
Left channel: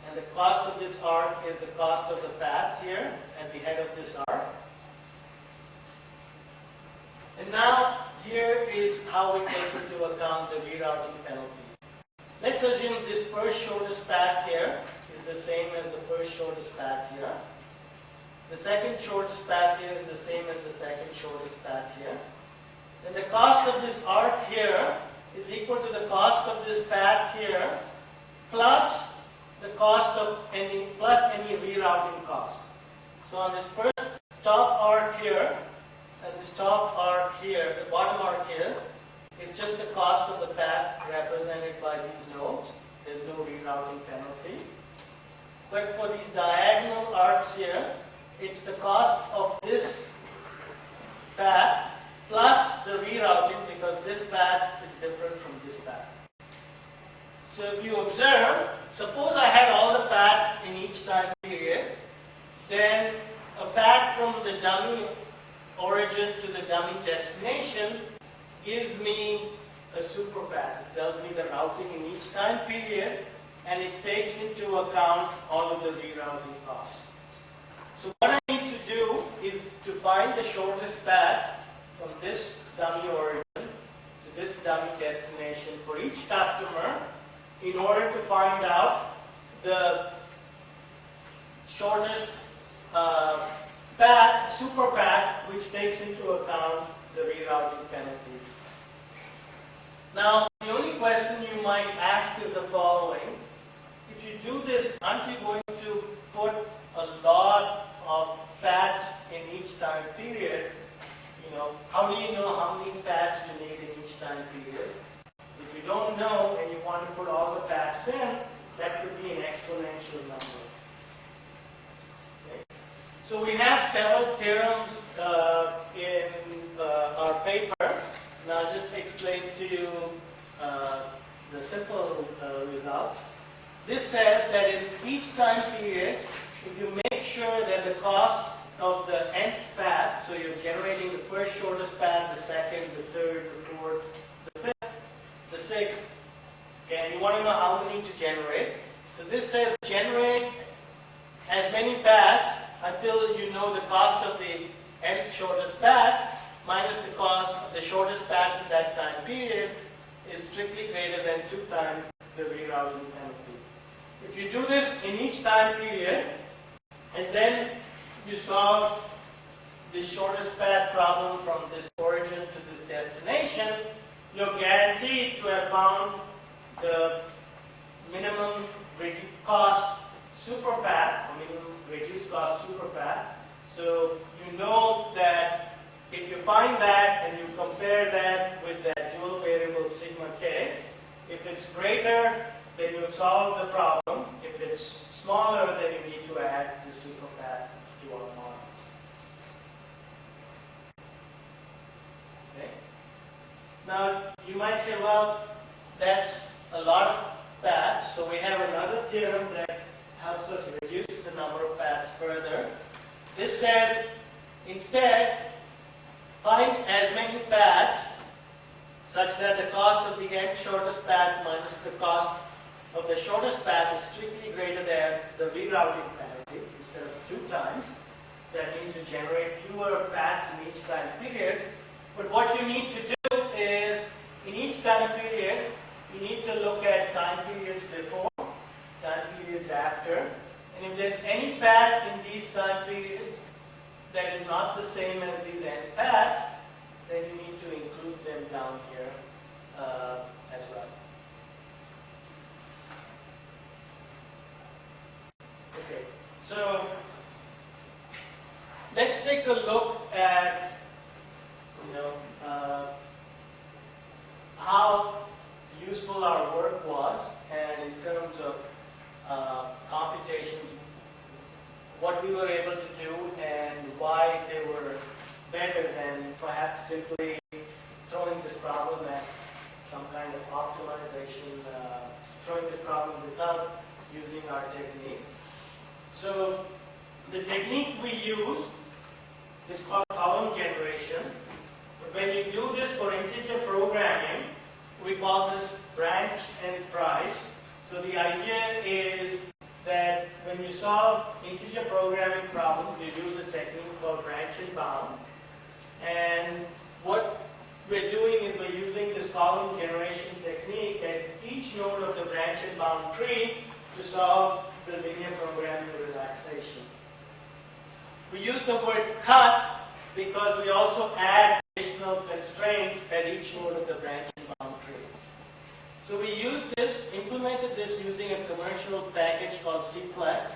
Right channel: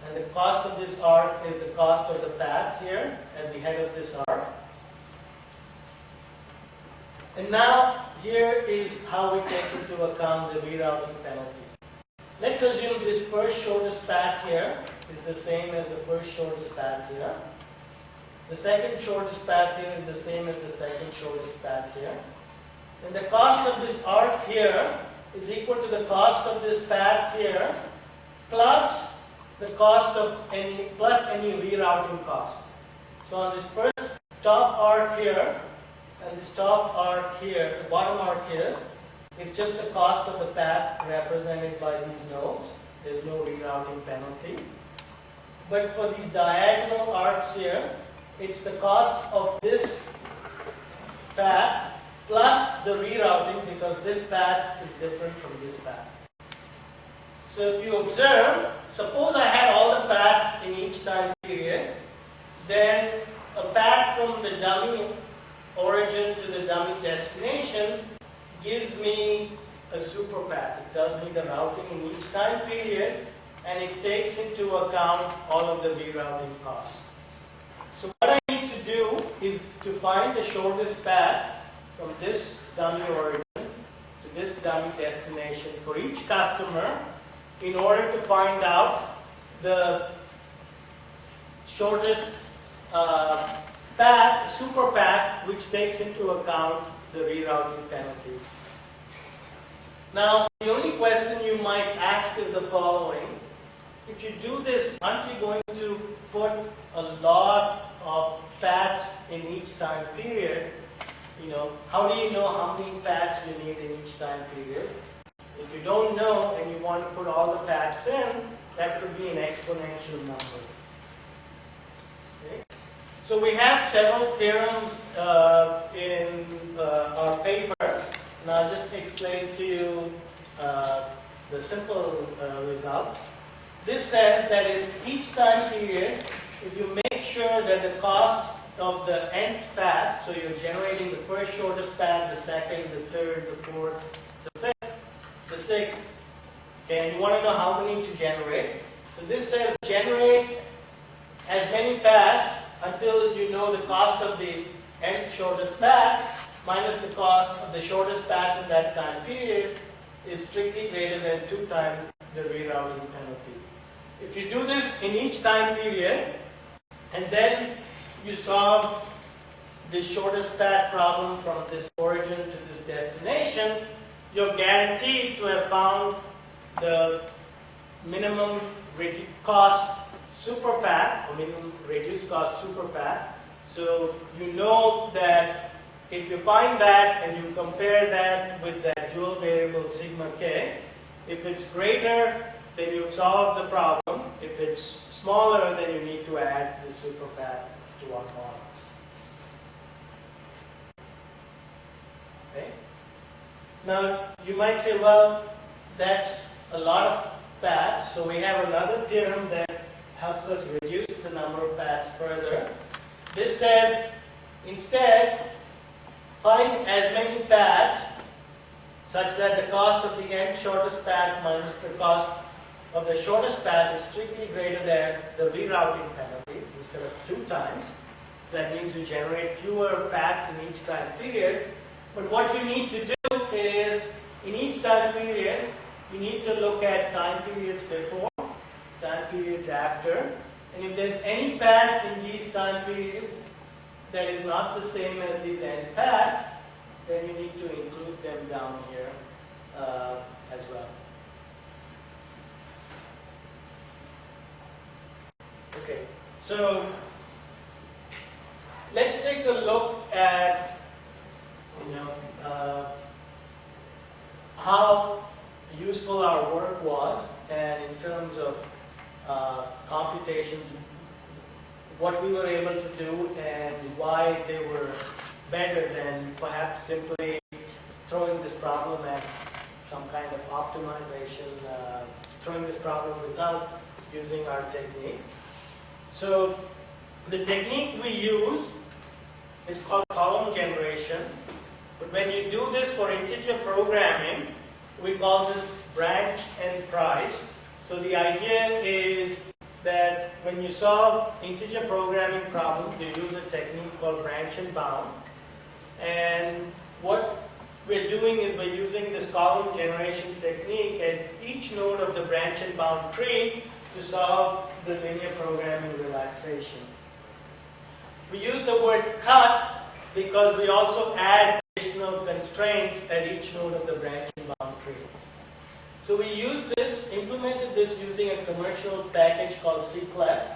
And the cost of this arc is the cost of the path here at the head of this arc. And now here is how we take into account the rerouting penalty. Let's assume this first shortest path here is the same as the first shortest path here. The second shortest path here is the same as the second shortest path here. And the cost of this arc here is equal to the cost of this path here plus the cost of any rerouting cost. So on this first top arc here and this top arc here, the bottom arc here, is just the cost of the path represented by these nodes. There's no rerouting penalty. But for these diagonal arcs here, it's the cost of this path plus the rerouting, because this path is different from this path. So if you observe, suppose I had all the paths in each time period, then a path from the dummy origin to the dummy destination gives me a super path. It tells me the routing in each time period, and it takes into account all of the rerouting costs. So what I need to do is to find the shortest path from this dummy origin to this dummy destination for each customer in order to find out the shortest path, super path, which takes into account the rerouting penalties. Now, the only question you might ask is the following. If you do this, aren't you going to put a lot of paths in each time period? How do you know how many paths you need in each time period? If you don't know and you want to put all the paths in, that could be an exponential number. Okay? So we have several theorems in our paper, and I'll just explain to you the simple results. This says that in each time period, if you make sure that the cost of the nth path, so you're generating the first shortest path, the second, the third, the fourth, the fifth, the sixth, okay, and you want to know how many to generate. So this says generate as many paths until you know the cost of the nth shortest path minus the cost of the shortest path in that time period is strictly greater than 2 times the rerouting penalty. If you do this in each time period, and then you solve this shortest path problem from this origin to this destination, you're guaranteed to have found the minimum cost super path, or minimum reduced cost super path. So you know that if you find that and you compare that with that dual variable sigma k, if it's greater, then you've solved the problem. If it's smaller, then you need to add the super path to one model. Okay? Now, you might say, well, that's a lot of paths, so we have another theorem that helps us reduce the number of paths further. This says, instead, find as many paths such that the cost of the nth shortest path minus the cost of the shortest path is strictly greater than the rerouting penalty instead of 2 times. That means you generate fewer paths in each time period. But what you need to do to look at time periods before, time periods after, and if there's any path in these time periods that is not the same as these end paths, then you need to include them down here as well. Okay, so let's take a look at, how useful our work was, and in terms of computations, what we were able to do and why they were better than perhaps simply throwing this problem at some kind of optimization, throwing this problem without using our technique. So the technique we use is called column generation. But when you do this for integer programming, we call this branch and price. So the idea is that when you solve integer programming problems, you use a technique called branch and bound. And what we're doing is we're using this column generation technique at each node of the branch and bound tree to solve the linear programming relaxation. We use the word cut because we also add additional constraints at each node of the branch and bound tree. So we implemented this using a commercial package called Cplex,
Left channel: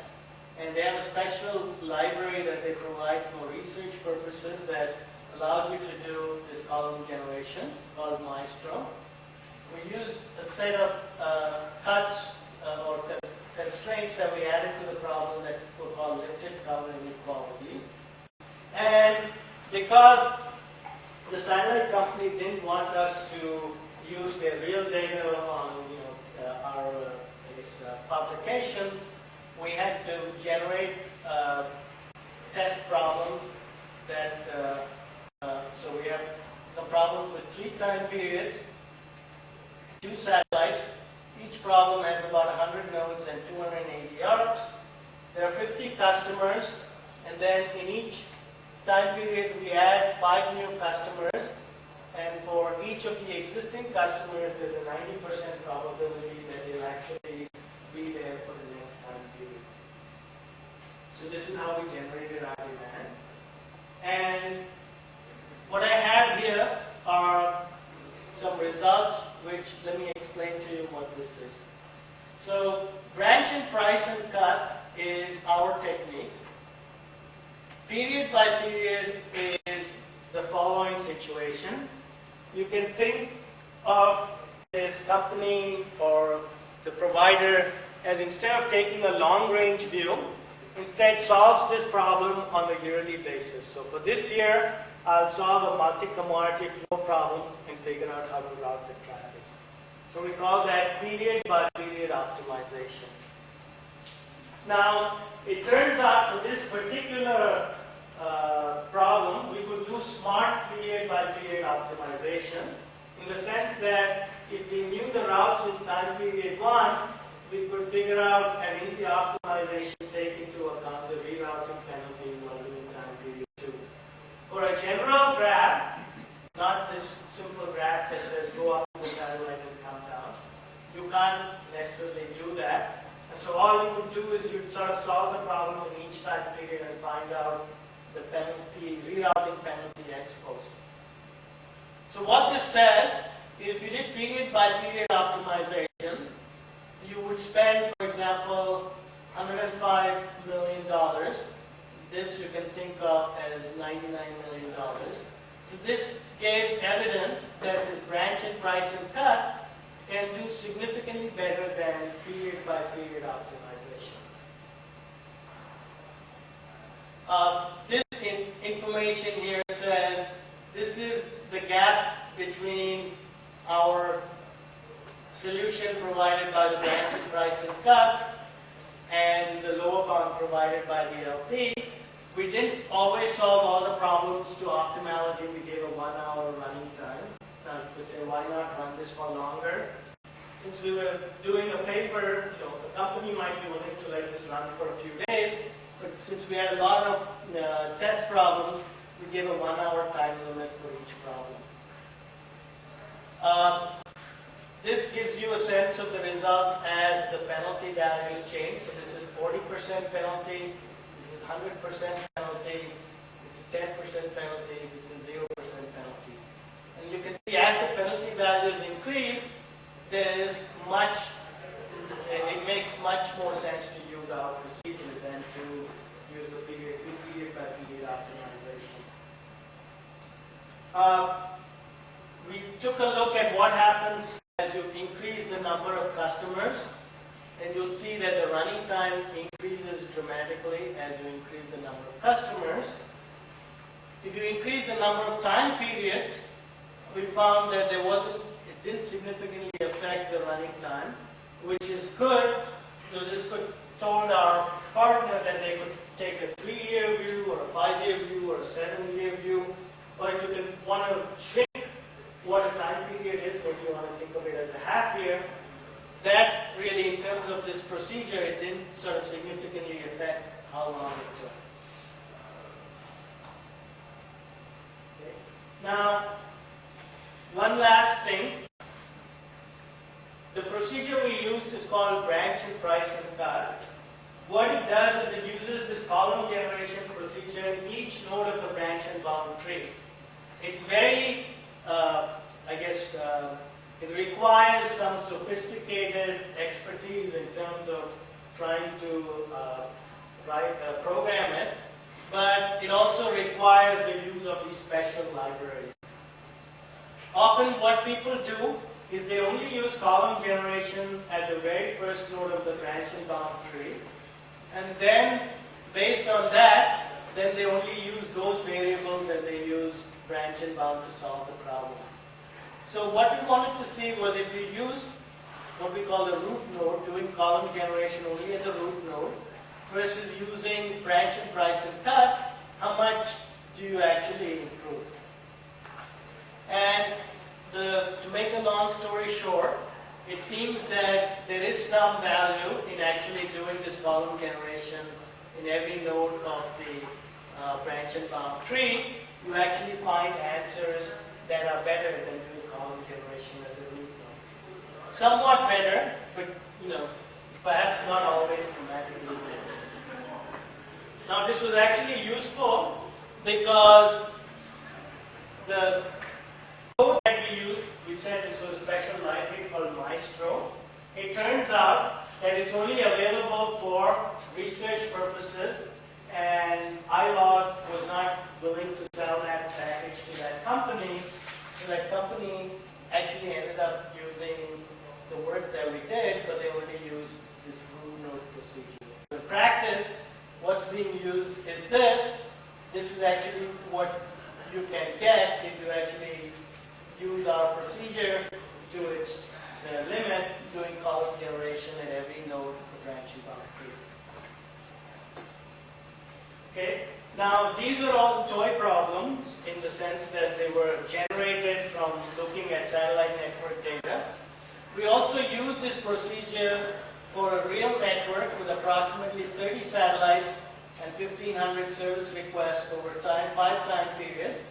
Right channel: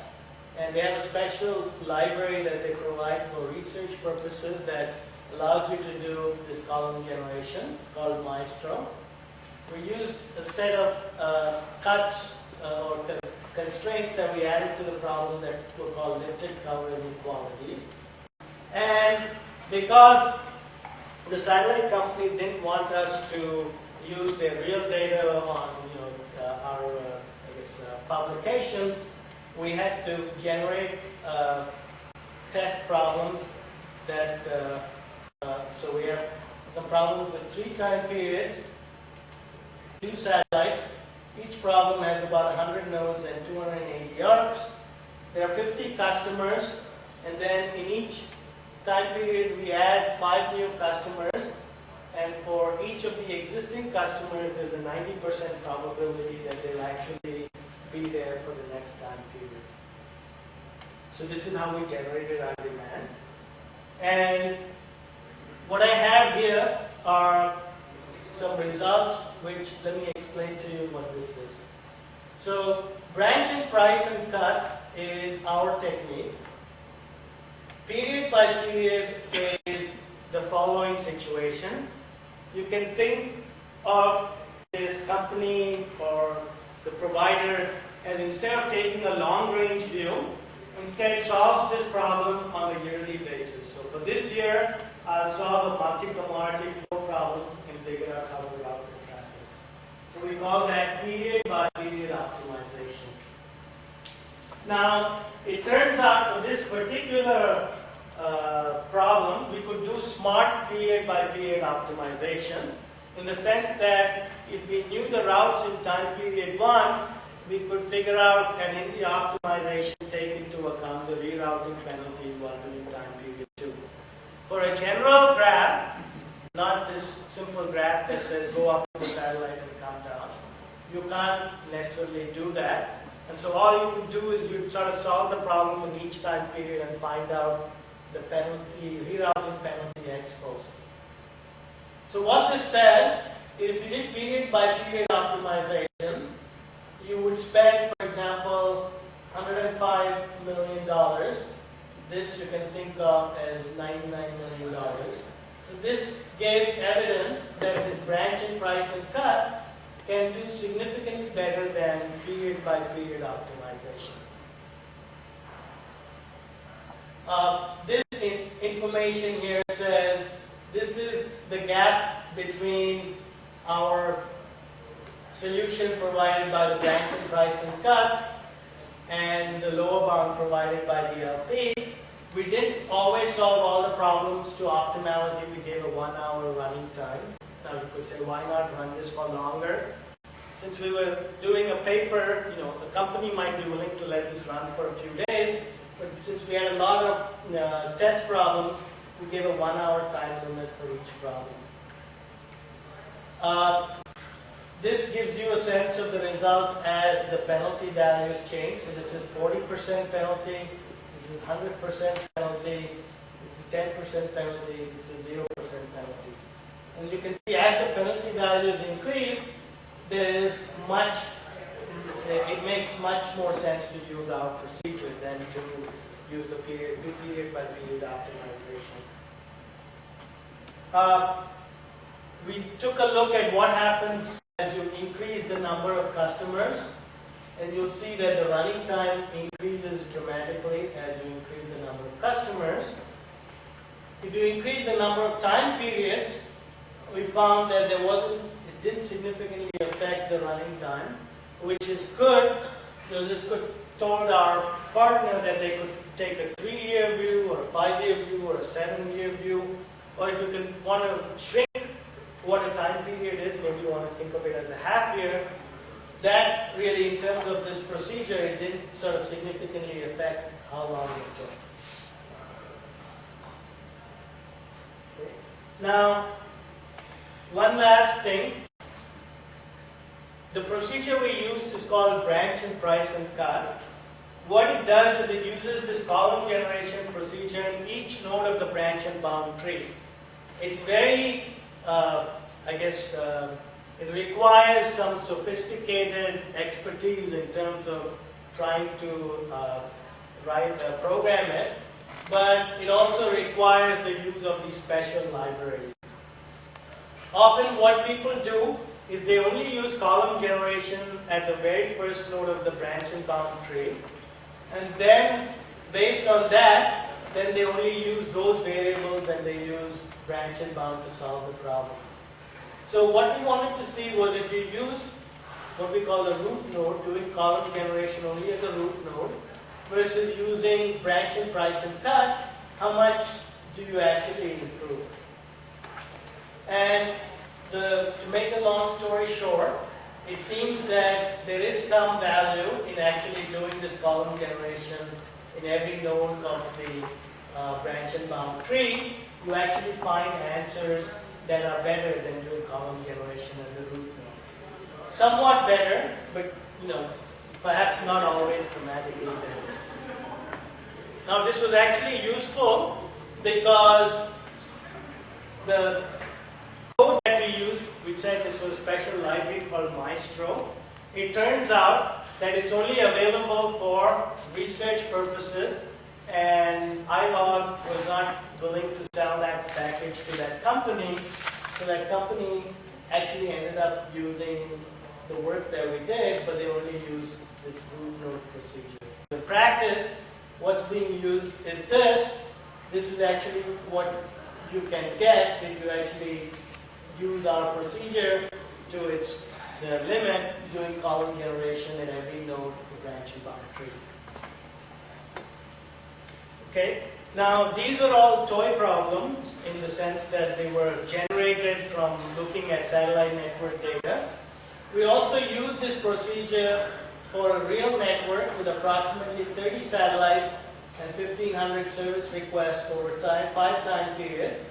and they have a special library that they provide for research purposes that allows you to do this column generation called Maestro. We used a set of cuts or constraints that we added to the problem that were called lifted cover inequalities. And because the satellite company didn't want us to use their real data on our publications, we had to generate test problems that so we have some problems with 3 time periods, 2 satellites. Each problem has about 100 nodes and 280 arcs. There are 50 customers, and then in each time period we add 5 new customers, and for each of the existing customers there's a 90% probability that they'll actually be there for the next time period. So this is how we generated our demand. And what I have here are some results, which let me explain to you what this is. So branch and price and cut is our technique. Period by period is the following situation. You can think of this company or the provider as, instead of taking a long-range view, instead solves this problem on a yearly basis. So for this year, I'll solve a multi-commodity flow problem and figure out how to route the traffic. So we call that period by period optimization. Now, it turns out for this particular problem, we could do smart period by period optimization, in the sense that if we knew the routes in time period 1, we could figure out, and in the optimization take into account the rerouting penalties while doing time period 2. For a general graph, not this simple graph that says go up to the satellite and come down, you can't necessarily do that. And so all you could do is you sort of solve the problem in each time period and find out the penalty, rerouting penalty ex post. So what this says is, if you did period by period optimization, you would spend, for example, $105 million. This you can think of as $99 million. So this gave evidence that this branch and price and cut can do significantly better than period by period optimization. This information here says this is the gap between our solution provided by the branch and price and cut and the lower bound provided by the LP. We didn't always solve all the problems to optimality. We gave a 1-hour running time. Now you could say, why not run this for longer? Since we were doing a paper, the company might be willing to let this run for a few days, but since we had a lot of test problems, we gave a 1-hour time limit for each problem. this gives you a sense of the results as the penalty values change. So this is 40% penalty, this is 100% penalty, this is 10% penalty, this is 0% penalty. And you can see as the penalty values increase, it makes much more sense to use our procedure than to use the period by period optimization. We took a look at what happens as you increase the number of customers, and you'll see that the running time increases dramatically as you increase the number of customers. If you increase the number of time periods, we found that it didn't significantly affect the running time, which is good. So this could told our partner that they could take a 3-year view or a 5-year view or a 7-year view, or if you want to shrink what a time period is, maybe you want to think of it as a half year. That really, in terms of this procedure, it didn't sort of significantly affect how long it took. Okay. Now, one last thing. The procedure we use is called branch and price and cut. What it does is it uses this column generation procedure in each node of the branch and bound tree. It's very, it requires some sophisticated expertise in terms of trying to program it, but it also requires the use of these special libraries. Often what people do is they only use column generation at the very first node of the branch and bound tree, and then based on that, then they only use those variables and they use branch and bound to solve the problem. So what we wanted to see was if you use what we call the root node, doing column generation only as a root node, versus using branch and price and cut, how much do you actually improve? And to make a long story short, it seems that there is some value in actually doing this column generation in every node of the branch and bound tree. You actually find answers that are better than doing column generation at the root node. Somewhat better, but perhaps not always dramatically better. Now this was actually useful because the code that we used, we said this was a special library called Maestro. It turns out that it's only available for research purposes, and iLog was not willing to sell that package to that company, so that company actually ended up using the work that we did, but they only used this root node procedure. In practice, what's being used is this. This is actually what you can get if you actually use our procedure to its limit, doing column generation at every node of the branch and bound tree. Okay, now these were all toy problems in the sense that they were generated from looking at satellite network data. We also used this procedure for a real network with approximately 30 satellites and 1,500 service requests over 5 time periods.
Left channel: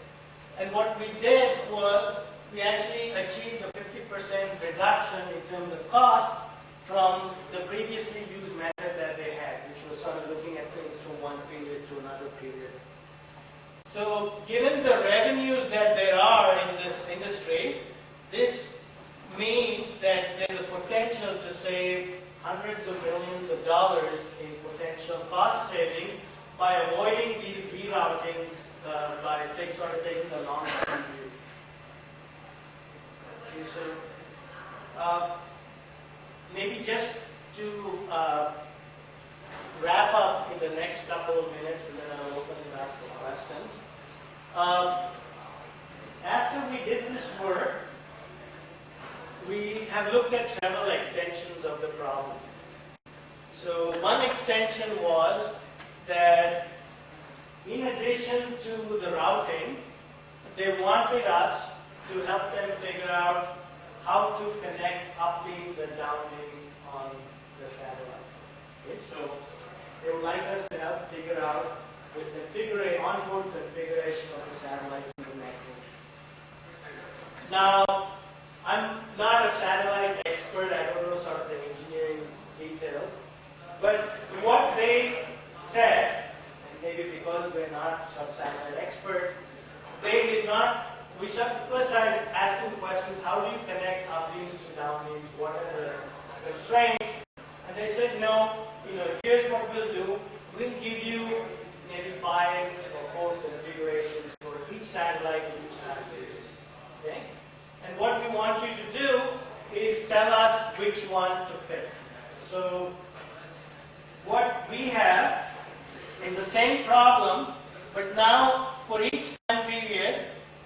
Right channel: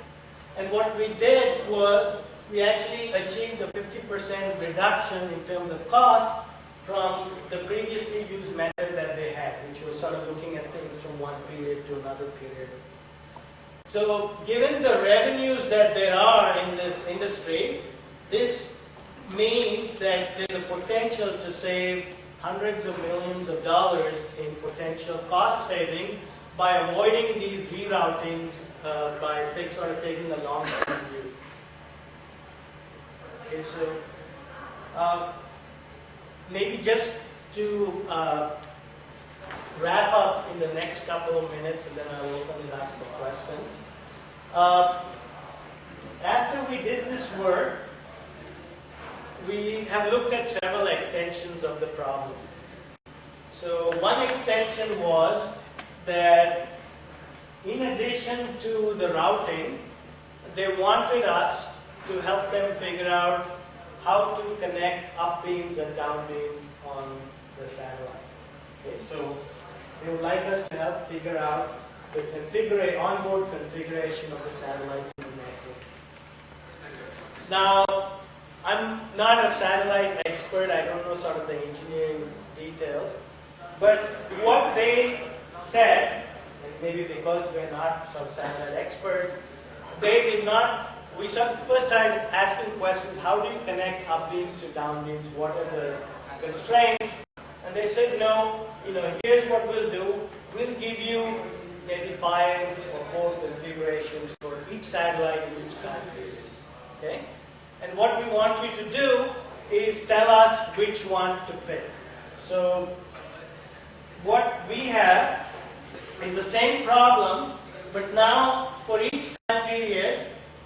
And what we did was we actually achieved a 50% reduction in terms of cost from the previously used method that they had, which was sort of looking at things from one period to another period. So given the revenues that there are in this industry, this means that there's a potential to save hundreds of millions of dollars in potential cost savings by avoiding these reroutings by sort of taking a long-term view. Okay, so maybe just to wrap up in the next couple of minutes, and then I'll open it up for questions. After we did this work, we have looked at several extensions of the problem. So one extension was that in addition to the routing, they wanted us to help them figure out how to connect up beams and down beams on the satellite. Okay, so they would like us to help figure out the onboard configuration of the satellites in the network. Now, I'm not a satellite expert, I don't know sort of the engineering details, but what they said, and maybe because we're not sort of satellite experts, they did not, we first tried asking questions, how do you connect upbeams to downbeams, what are the constraints, and they said no, here's what we'll do, we'll give you maybe 5 or 4 configurations for each satellite in each time period, okay? And what we want you to do is tell us which one to pick. So what we have is the same problem, but now for each time period,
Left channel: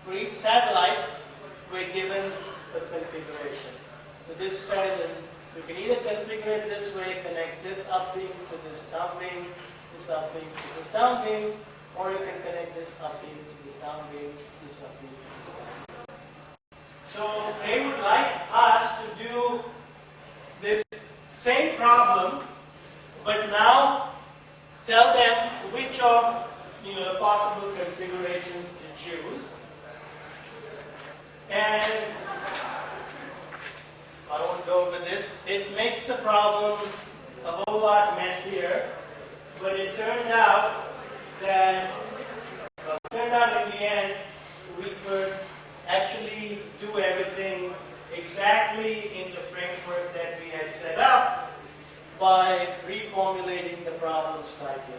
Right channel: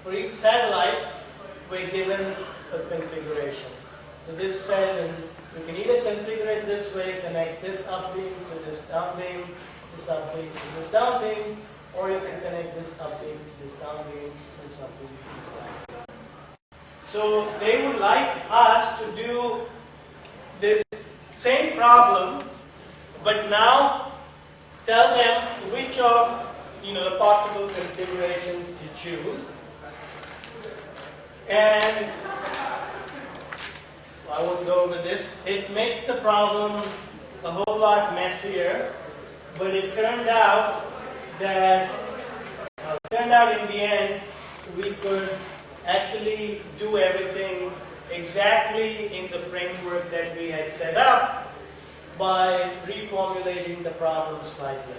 for each satellite, we're given a configuration. So this says, you can either configure it this way, connect this upbeam to this downbeam, this upbeam to this downbeam, or you can connect this upbeam to this downbeam, this upbeam to this downbeam. So they would like us to do this same problem, but now tell them which of the possible configurations to choose. And I won't go over this. It makes the problem a whole lot messier, but it turned out that in the end we could actually do everything exactly in the framework that we had set up by reformulating the problem slightly.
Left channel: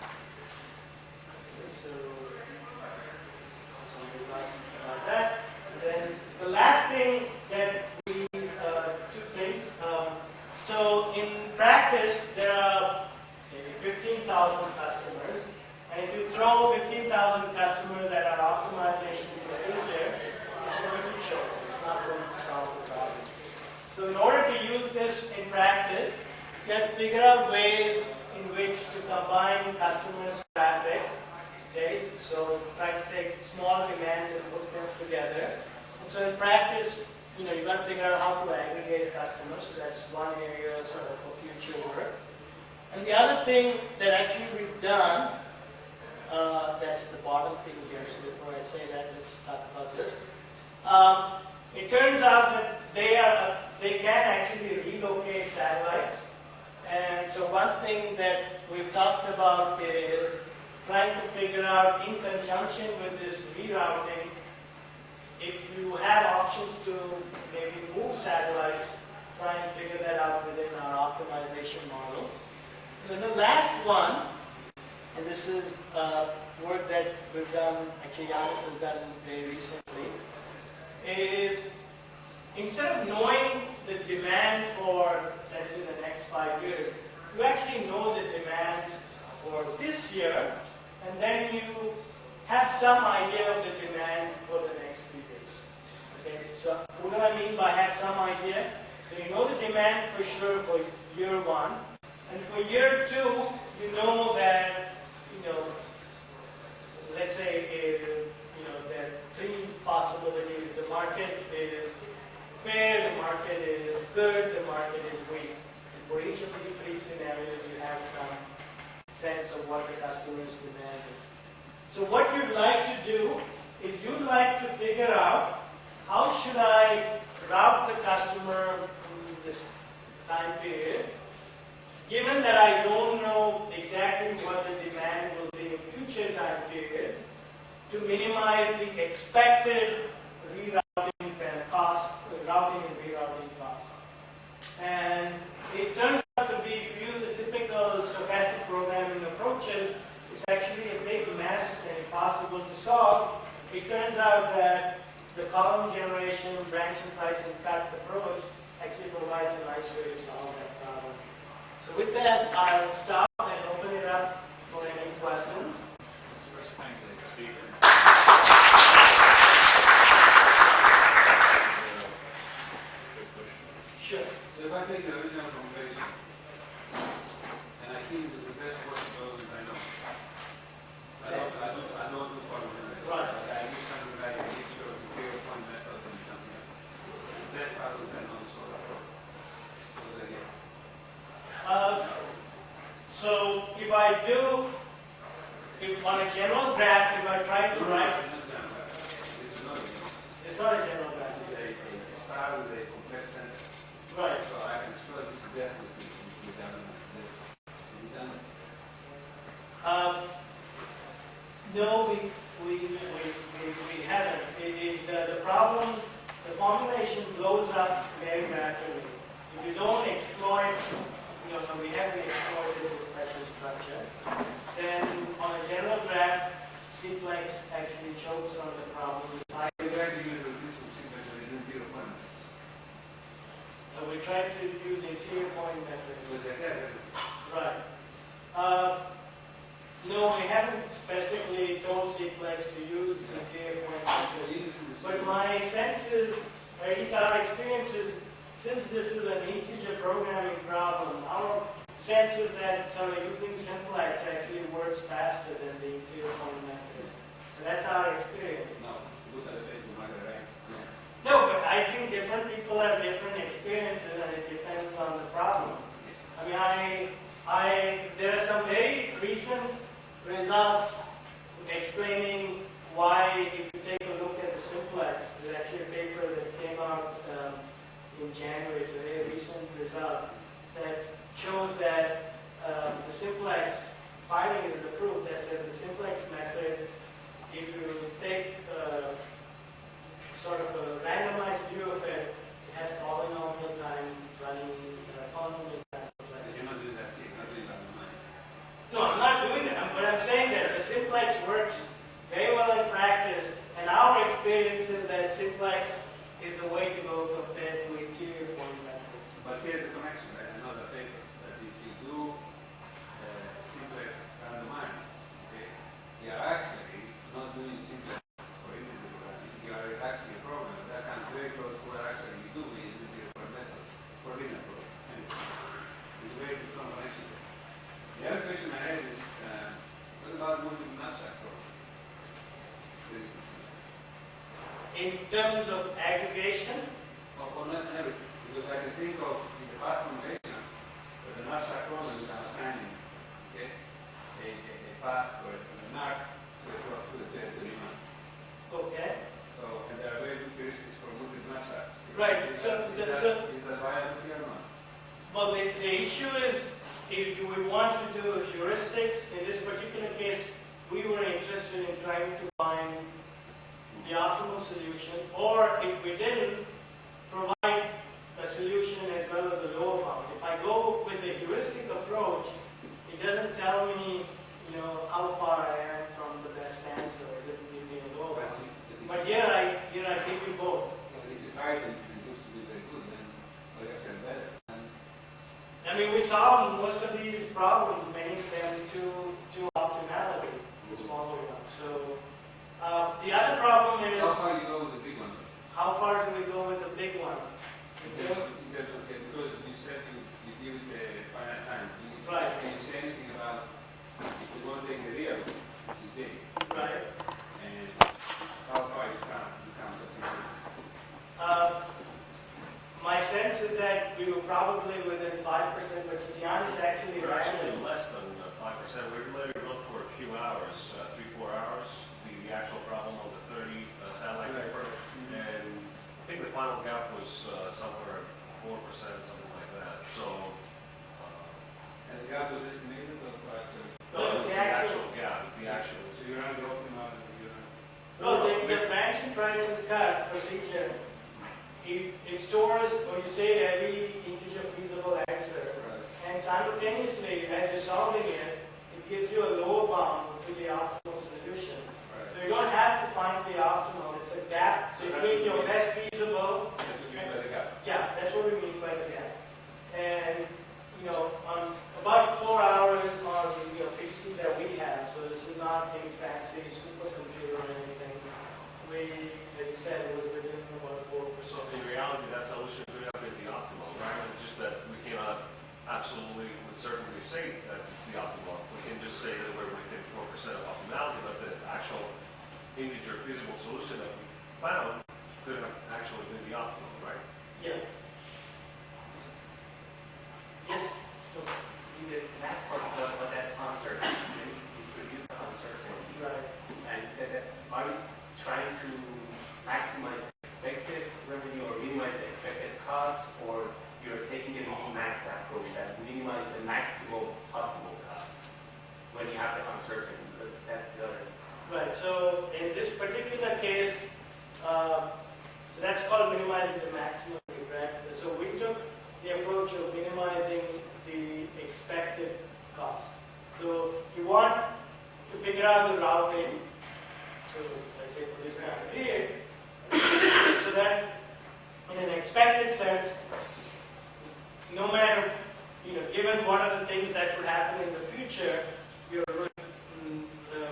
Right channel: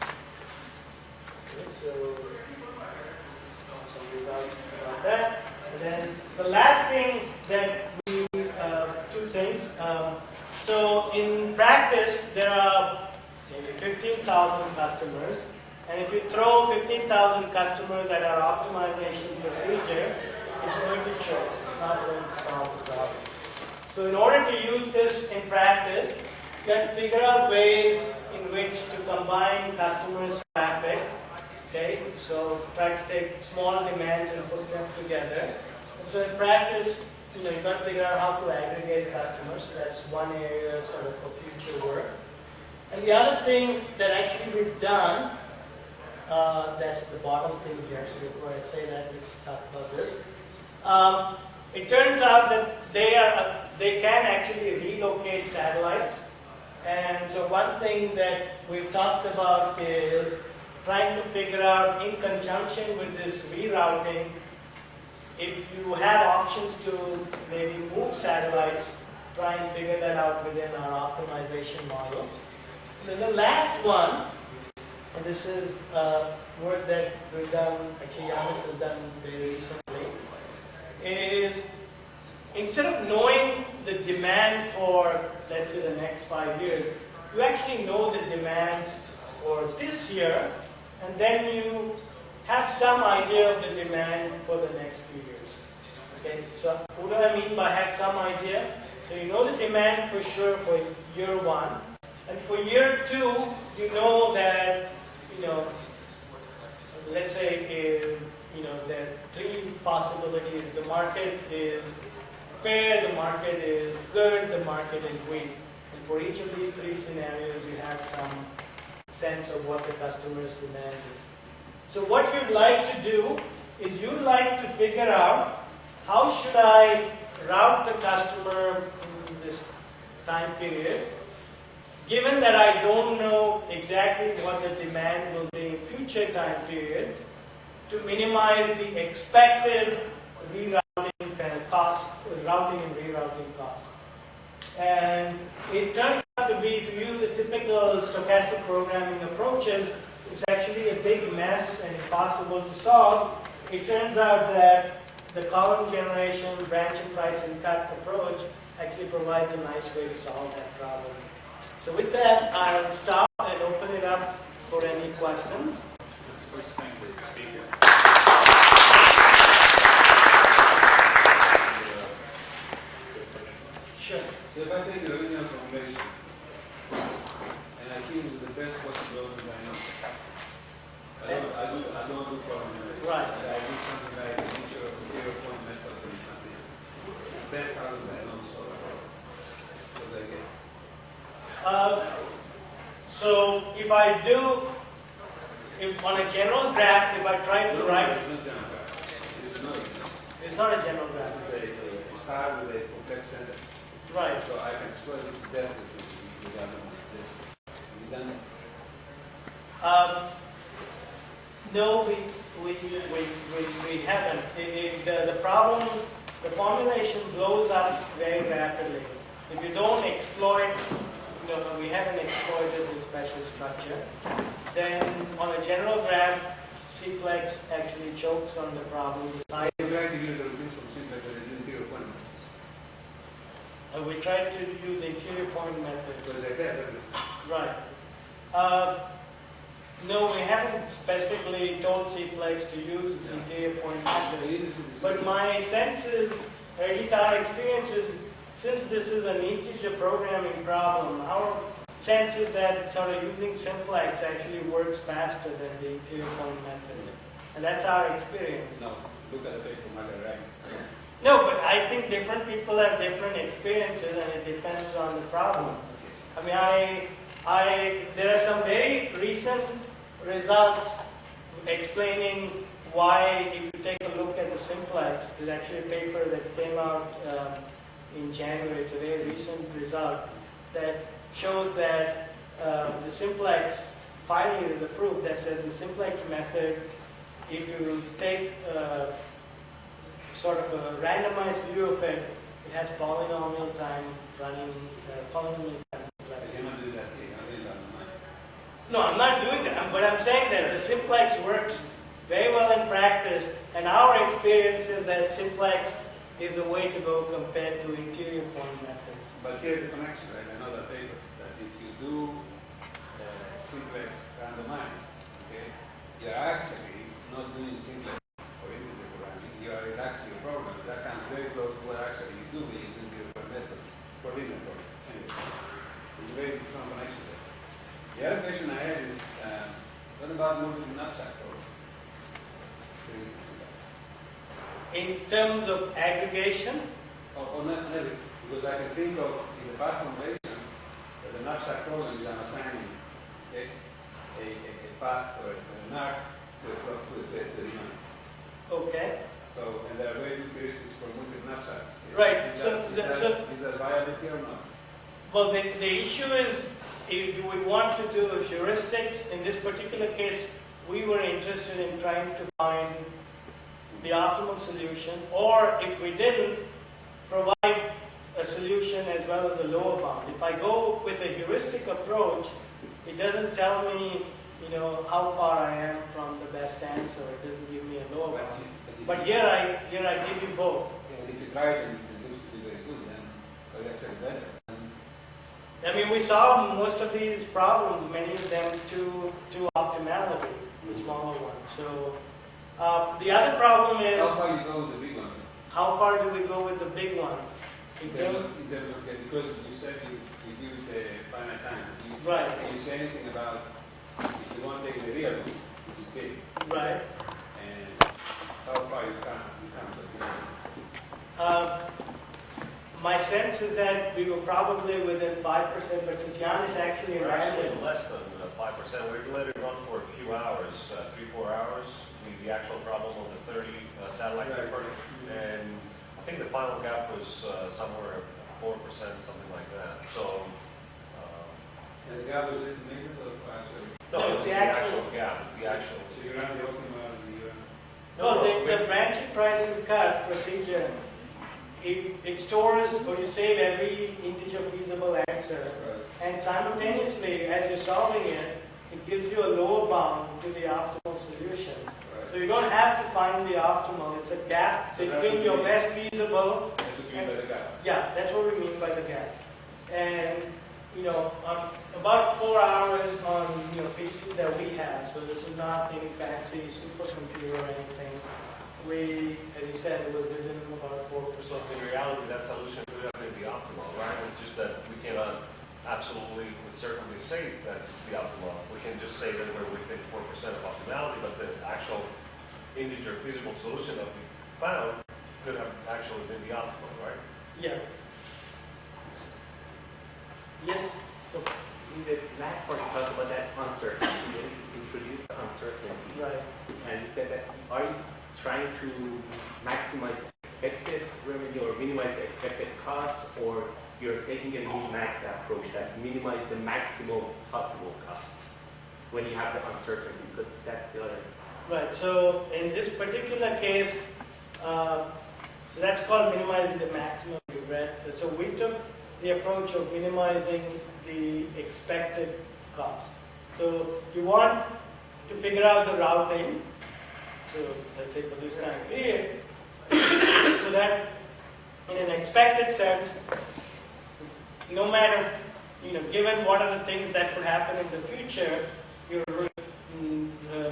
Okay, so something about that. And then the last thing that we, 2 things. So in practice, there are maybe 15,000 customers, and if you throw 15,000 customers at our optimization procedure, it's going to choke. It's not going to solve the problem. So in order to use this in practice, you have to figure out ways in which to combine customers' traffic. Okay, so try to take small demands and put them together. And so in practice, you've got to figure out how to aggregate customers. So that's one area sort of for future work. And the other thing that actually we've done, that's the bottom thing here. So before I say that, let's talk about this. It turns out that they can actually relocate satellites. And so one thing that we've talked about is trying to figure out, in conjunction with this rerouting, if you have options to maybe move satellites, try and figure that out within our optimization model. And then the last one, and this is work that we've done, actually Yanis has done very recently, is instead of knowing the demand for, let's say, the next 5 years, you actually know the demand for this year, and then you have some idea of the demand for the next few years. Okay, so what do I mean by have some idea? So you know the demand for sure for year 1, and for year 2, you know that, let's say, there are 3 possibilities. The market is fair, the market is good, the market is weak. And for each of these 3 scenarios, you have some sense of what the customer's demand is. So what you'd like to do is you'd like to figure out how should I route the customer in this time period, given that I don't know exactly what the demand will be in future time periods, to minimize the expected rerouting cost, routing and rerouting costs. And it turns out to be, if you use the typical stochastic programming approaches, it's actually a big mess and impossible to solve. It turns out that the column generation, branch and price and cut approach actually provides a nice way to solve that problem. So with that, I'll stop and open it up for any questions. Let's first thank the speaker. Sure. So if I take the original formulation, and I think the best possible that I know, I don't do problem generating. Right. I do something like a picture of the zero point method and something else. That's how I know solve the problem. So they get. So if I do, on a general graph, if I try to write, It's not another example. it's not a general graph. Right. So I can suppose this definitely be done on this. Be done. No, we haven't. The problem, the formulation blows up very rapidly. If you don't exploit, we haven't exploited this special structure, then on a general graph, Cplex actually chokes on the problem. I would like to use this from simplex as an interior point. We tried to use interior point method. Because they're there. Right. No, we haven't specifically told Cplex to use interior point method. But my sense is, or at least our experience is, since this is an integer programming problem, our sense is that sort of using simplex actually works faster than the interior point methods. And that's our experience. No, look at the paper, not at the right. No, but I think different people have different experiences and it depends on the problem. I mean, there are some very recent results explaining why, if you take a look at the simplex, there's actually a paper that came out in January. It's a very recent result that shows that the simplex finally is approved. That says the simplex method, if you take sort of a randomized view of it, it has polynomial time running, polynomial time. Because you're not doing that thing, not doing that on mine. No, I'm not doing that, but I'm saying that the simplex works very well in practice, and our experience is that simplex is the way to go compared to interior point methods. But here's the connection, and another paper, that if you do simplex randomized, okay, you're actually not doing simplex for integer programming, you're actually a program that comes very close to what actually you do with interior point methods for linear programming. And it's very strong connection there. The other question I have is, what about multiple knapsack program? In terms of aggregation, Or not everything, because I can think of in the path formulation that the knapsack programs are assigning a path or an arc to the demand. okay, So, and there are very good heuristics for multiple knapsacks. Right, Is so that, is that viable here or not? well, the issue is, if we want to do heuristics, in this particular case, we were interested in trying to find the optimal solution, or if we didn't, provide a solution as well as a lower bound. If I go with a heuristic approach, it doesn't tell me, how far I am from the best answer. It doesn't give me a lower bound. But here I give you both. If you try it and it looks to be very good, then it's actually better. I mean, we solved most of these problems, many of them to optimality, the smaller ones. So the other problem is, How far you go with the big one? how far do we go with the big one? In terms of, because you said you give it a finite time. Right. Can you say anything about if you want to take the real route, which is big, Right. and how far you can My sense is that we were probably within 5%, but since Yannis actually We're ran actually it, less than 5%. We let it run for a few hours, 3-4 hours, the actual problem on the 30 satellite network. And I think the final gap was somewhere 4%, something like that. So, and the gap was this million or five? no, No, it's it's the the actual gap. It's the actual. So you run the optimal and no, the branching price and cut procedure, it stores or you save every integer feasible answer. right. And simultaneously, as you're solving it, it gives you a lower bound to the optimal solution. So you don't have to find the optimal. It's a gap between your best feasible. Yeah, that's what we mean by the gap. And, on about 4 hours on, PC that we have, so this is not any fancy supercomputer or anything. We, as you said, it was within about 4%. So in reality, that solution could have been the optimal, right? It's just that we cannot absolutely with certainty say that it's the optimal. We can just say that we're within 4% of optimality, but the actual integer feasible solution that we found could have actually been the optimal, right? Yeah. Yes. So in the last part, you talked about that uncertainty. You introduced the uncertainty. Right. And you said that, are you trying to maximize the expected revenue or minimize the expected cost, or you're maximum possible cost when you have the uncertainty, because that's the other. Right, so in this particular case, so that's called minimizing the maximum regret. So we took the approach of minimizing the expected cost. So you want to figure out the routing, so let's say for this time period, so that in an expected sense, no matter, given what are the things that could happen in the future, you're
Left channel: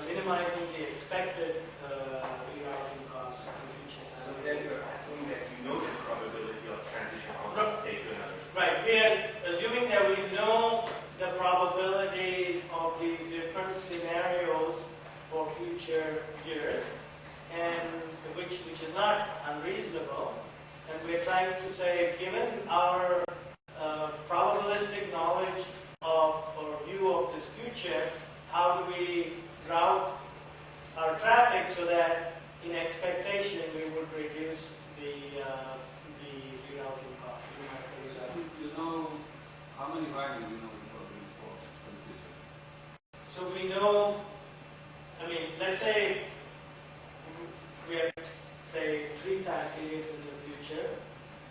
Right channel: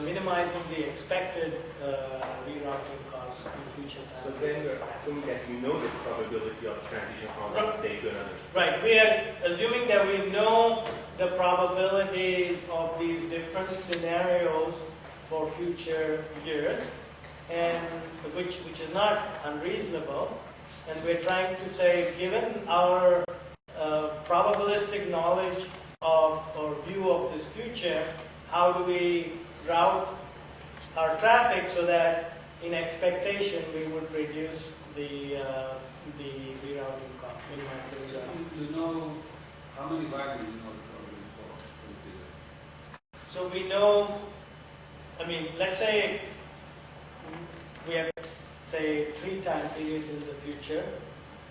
minimizing the expected rerouting costs in the future. So then you're assuming that you know the probability of transition from one state to another state. Right, we are assuming that we know the probabilities of these different scenarios for future years, and which is not unreasonable. And we're trying to say, given our probabilistic knowledge of or view of this future, how do we route our traffic so that in expectation we would reduce the rerouting cost, minimize the rerouting. You know, how many wagons you know already for the future? So we know, let's say we have, say, 3 time periods in the future,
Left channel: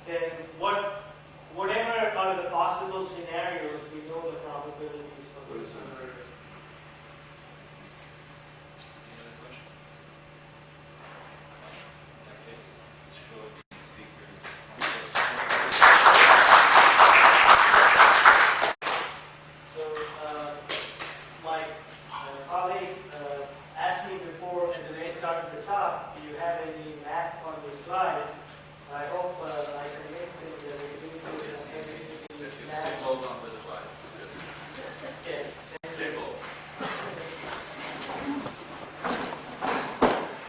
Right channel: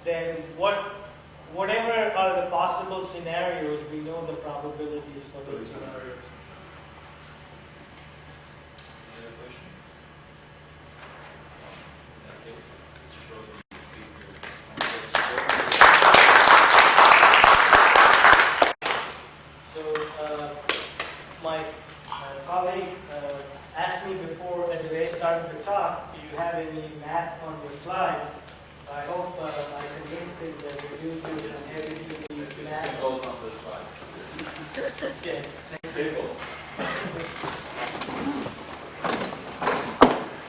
then whatever are the possible scenarios, we know the probabilities for those scenarios.